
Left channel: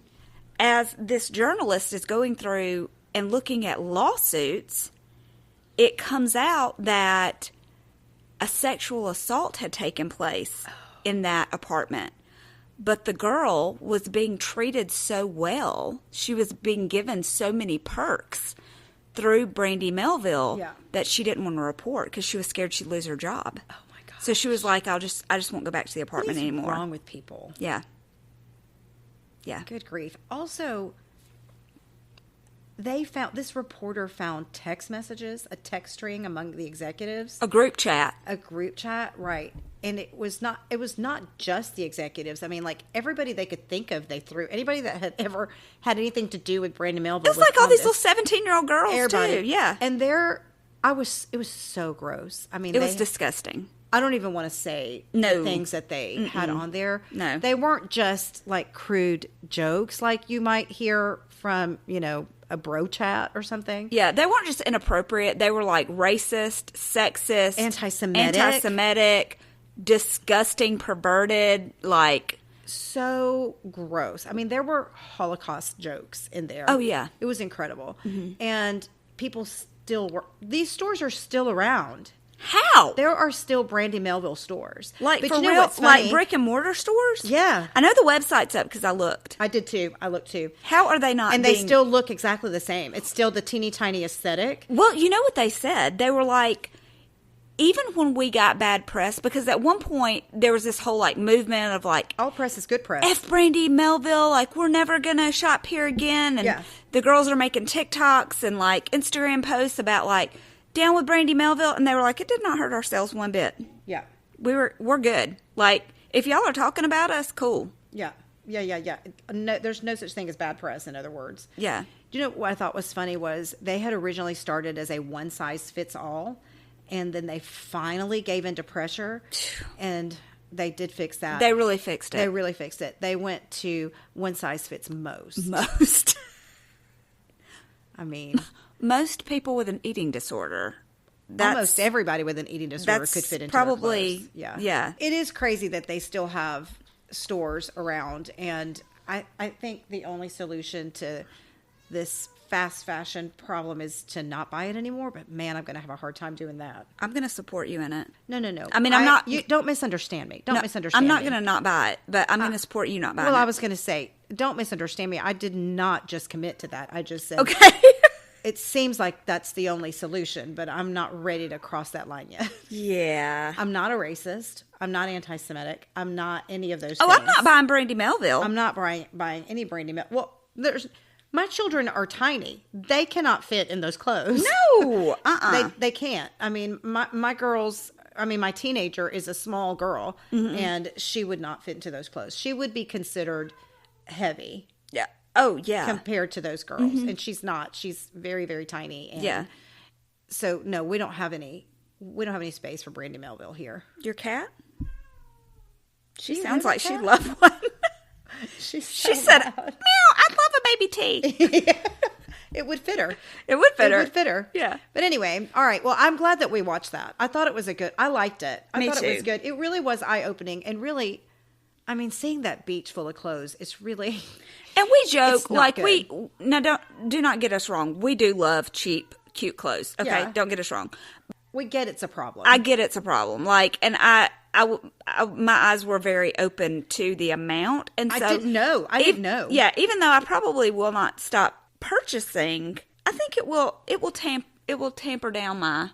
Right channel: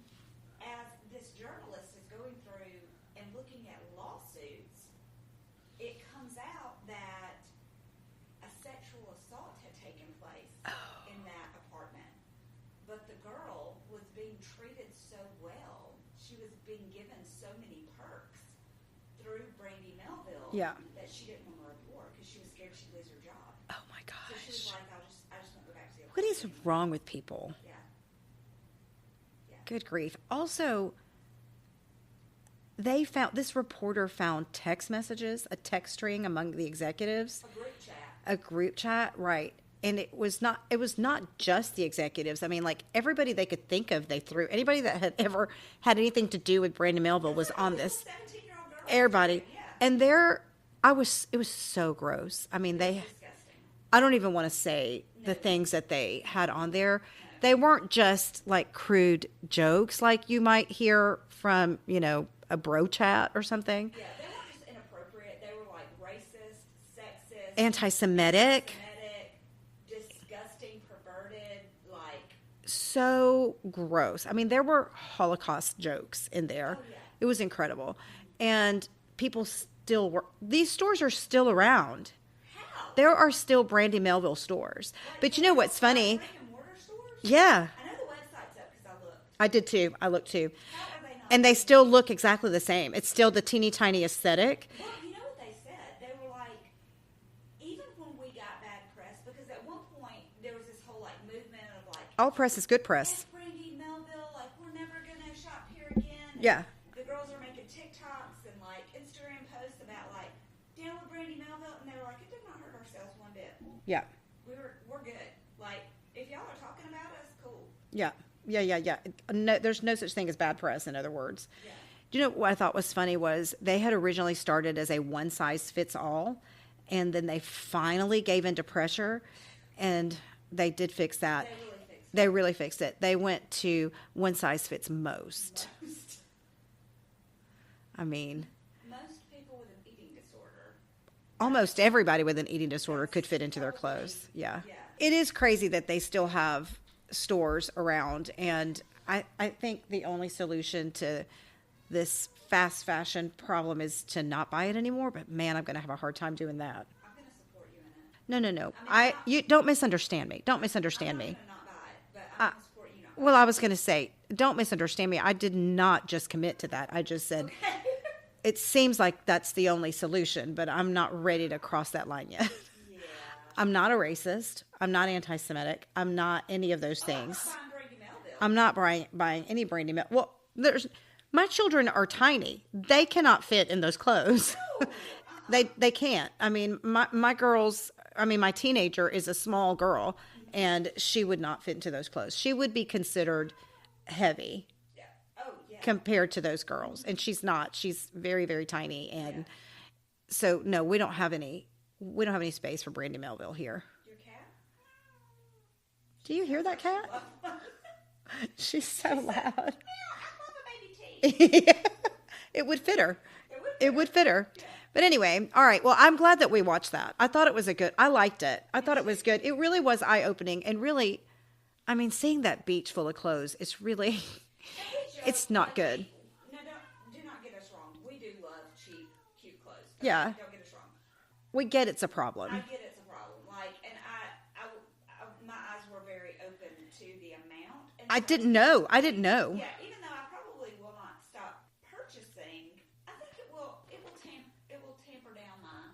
as this journalist is going through and looking at lawsuits, it comes out that a sexual assault had taken place in that apartment. But the girl was being treated so well. She was being given so many perks through Brandy Melville that she didn't want to report because she was scared she'd lose her job. Oh, my God. So she was like, I just won't go back to the apartment anymore. What is wrong with people? Yeah. Yeah. Good grief. Also, this reporter found text messages, a text string among the executives. A group chat. Right. And it was not just the executives. I mean, like, everybody they could think of, they threw. Anybody that had ever had anything to do with Brandy Melville was like all on these this. little 17-year-old girls, everybody. too. Yeah. And it was so gross. I mean, it was disgusting. I don't even want to say the things that they had on there. No. They weren't just, like, crude jokes like you might hear from, a bro chat or something. Yeah, they weren't just inappropriate. They were, like, racist, sexist. Anti-Semitic. Disgusting, perverted, like... So gross. I mean, there were Holocaust jokes in there. Oh, yeah. It was incredible. Mm-hmm. And people still were... These stores are still around. How? There are still Brandy Melville stores. Like, but for you know real? what's funny? Like brick and mortar stores? Yeah. I know the website's up because I looked. I did too. I looked too. How are they not? And they still look exactly the same. It's still the teeny tiny aesthetic. Well, you know what they said? They were like, even when we got bad press, because at one point there was this whole like movement of like, all press is good press. F Brandy Melville, like we're never gonna shop here again. And the girls are making TikToks and like Instagram posts about like down with Brandy Melville, and they were like, it did not hurt our sales one bit. Yeah, we're good. Like if y'all are talking about us, cool. Yeah. No, there's no such thing as bad press. In other words. Yeah. Do you know what I thought was funny was they had originally started as a one size fits all. And then they finally gave into pressure, and they did fix that. They really fixed it. They went to one size fits most. I mean, most people with an eating disorder. Almost everybody with an eating disorder could fit into their clothes. Yeah. It is crazy that they still have stores around, and I think the only solution to this fast fashion problem is to not buy it anymore, but man, I'm going to have a hard time doing that. I'm going to support you in it. No. I mean, I'm not. You don't misunderstand me. Don't misunderstand me. I'm not going to not buy it, but I'm going to support you not buying it. Well, I was going to say, don't misunderstand me. I did not just commit to that. I just said, okay. It seems like that's the only solution, but I'm not ready to cross that line yet. Yeah. I'm not a racist. I'm not anti-Semitic. I'm not any of those things. I'm not buying Brandy Melville. I'm not buying any Brandy Melville. Well, my children are tiny. They cannot fit in those clothes. No. They can't. I mean, my girls, my teenager is a small girl, and she would not fit into those clothes. She would be considered heavy. Yeah. Oh, yeah. Compared to those girls. And she's not. She's very, very tiny. And so, no, we don't have any space for Brandy Melville here. Your cat? She sounds like she'd love one. She said, meow, I'd love a baby tea. It would fit her. It would fit her. Yeah. But anyway, all right. Well, I'm glad that we watched that. I thought it was I liked it. I thought it was good. It really was eye-opening. And really, seeing that beach full of clothes, it's really... And we joke, like good. do not get us wrong. We do love cheap, cute clothes. Okay, yeah. Don't get us wrong. We get it's a problem. I get it's a problem. Like, and I my eyes were very open to the amount, and so I didn't know. Yeah, even though I probably will not stop purchasing, I think it will tamper down my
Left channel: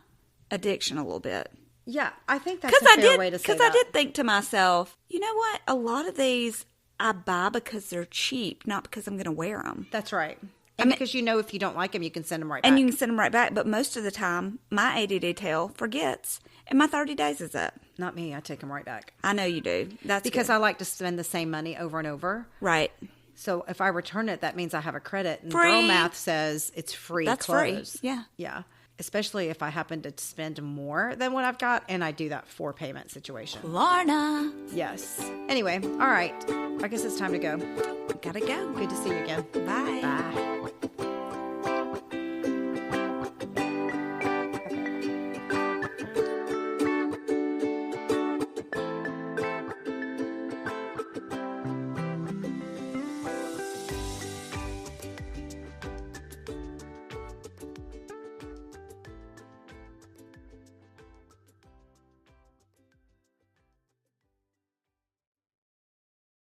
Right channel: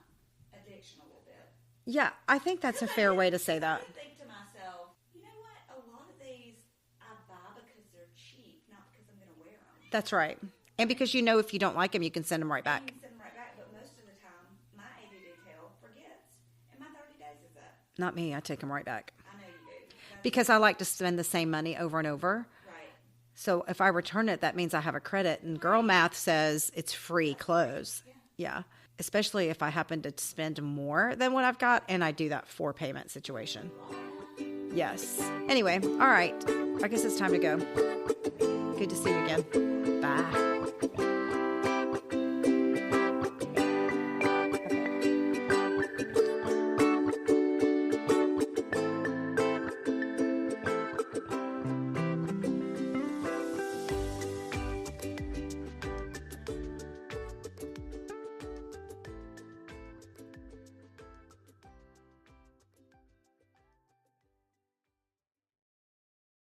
addiction a little bit. Yeah, I think that's a fair way to say that. Because I did think to myself, you know what? A lot of these I buy because they're cheap, not because I'm going to wear them. That's right. And because if you don't like them, you can send them right back. And you can send them right back. But most of the time, my ADD tail forgets, and my 30 days is up. Not me. I take them right back. I know you do. That's because I like to spend the same money over and over. Right. So if I return it, that means I have a credit. And girl math says it's free clothes. Free. Yeah. Yeah. Especially if I happen to spend more than what I've got, and I do that 4-payment situation. Lorna. Yes. Anyway, all right. I guess it's time to go. Gotta go. Good to see you again. Bye. Bye.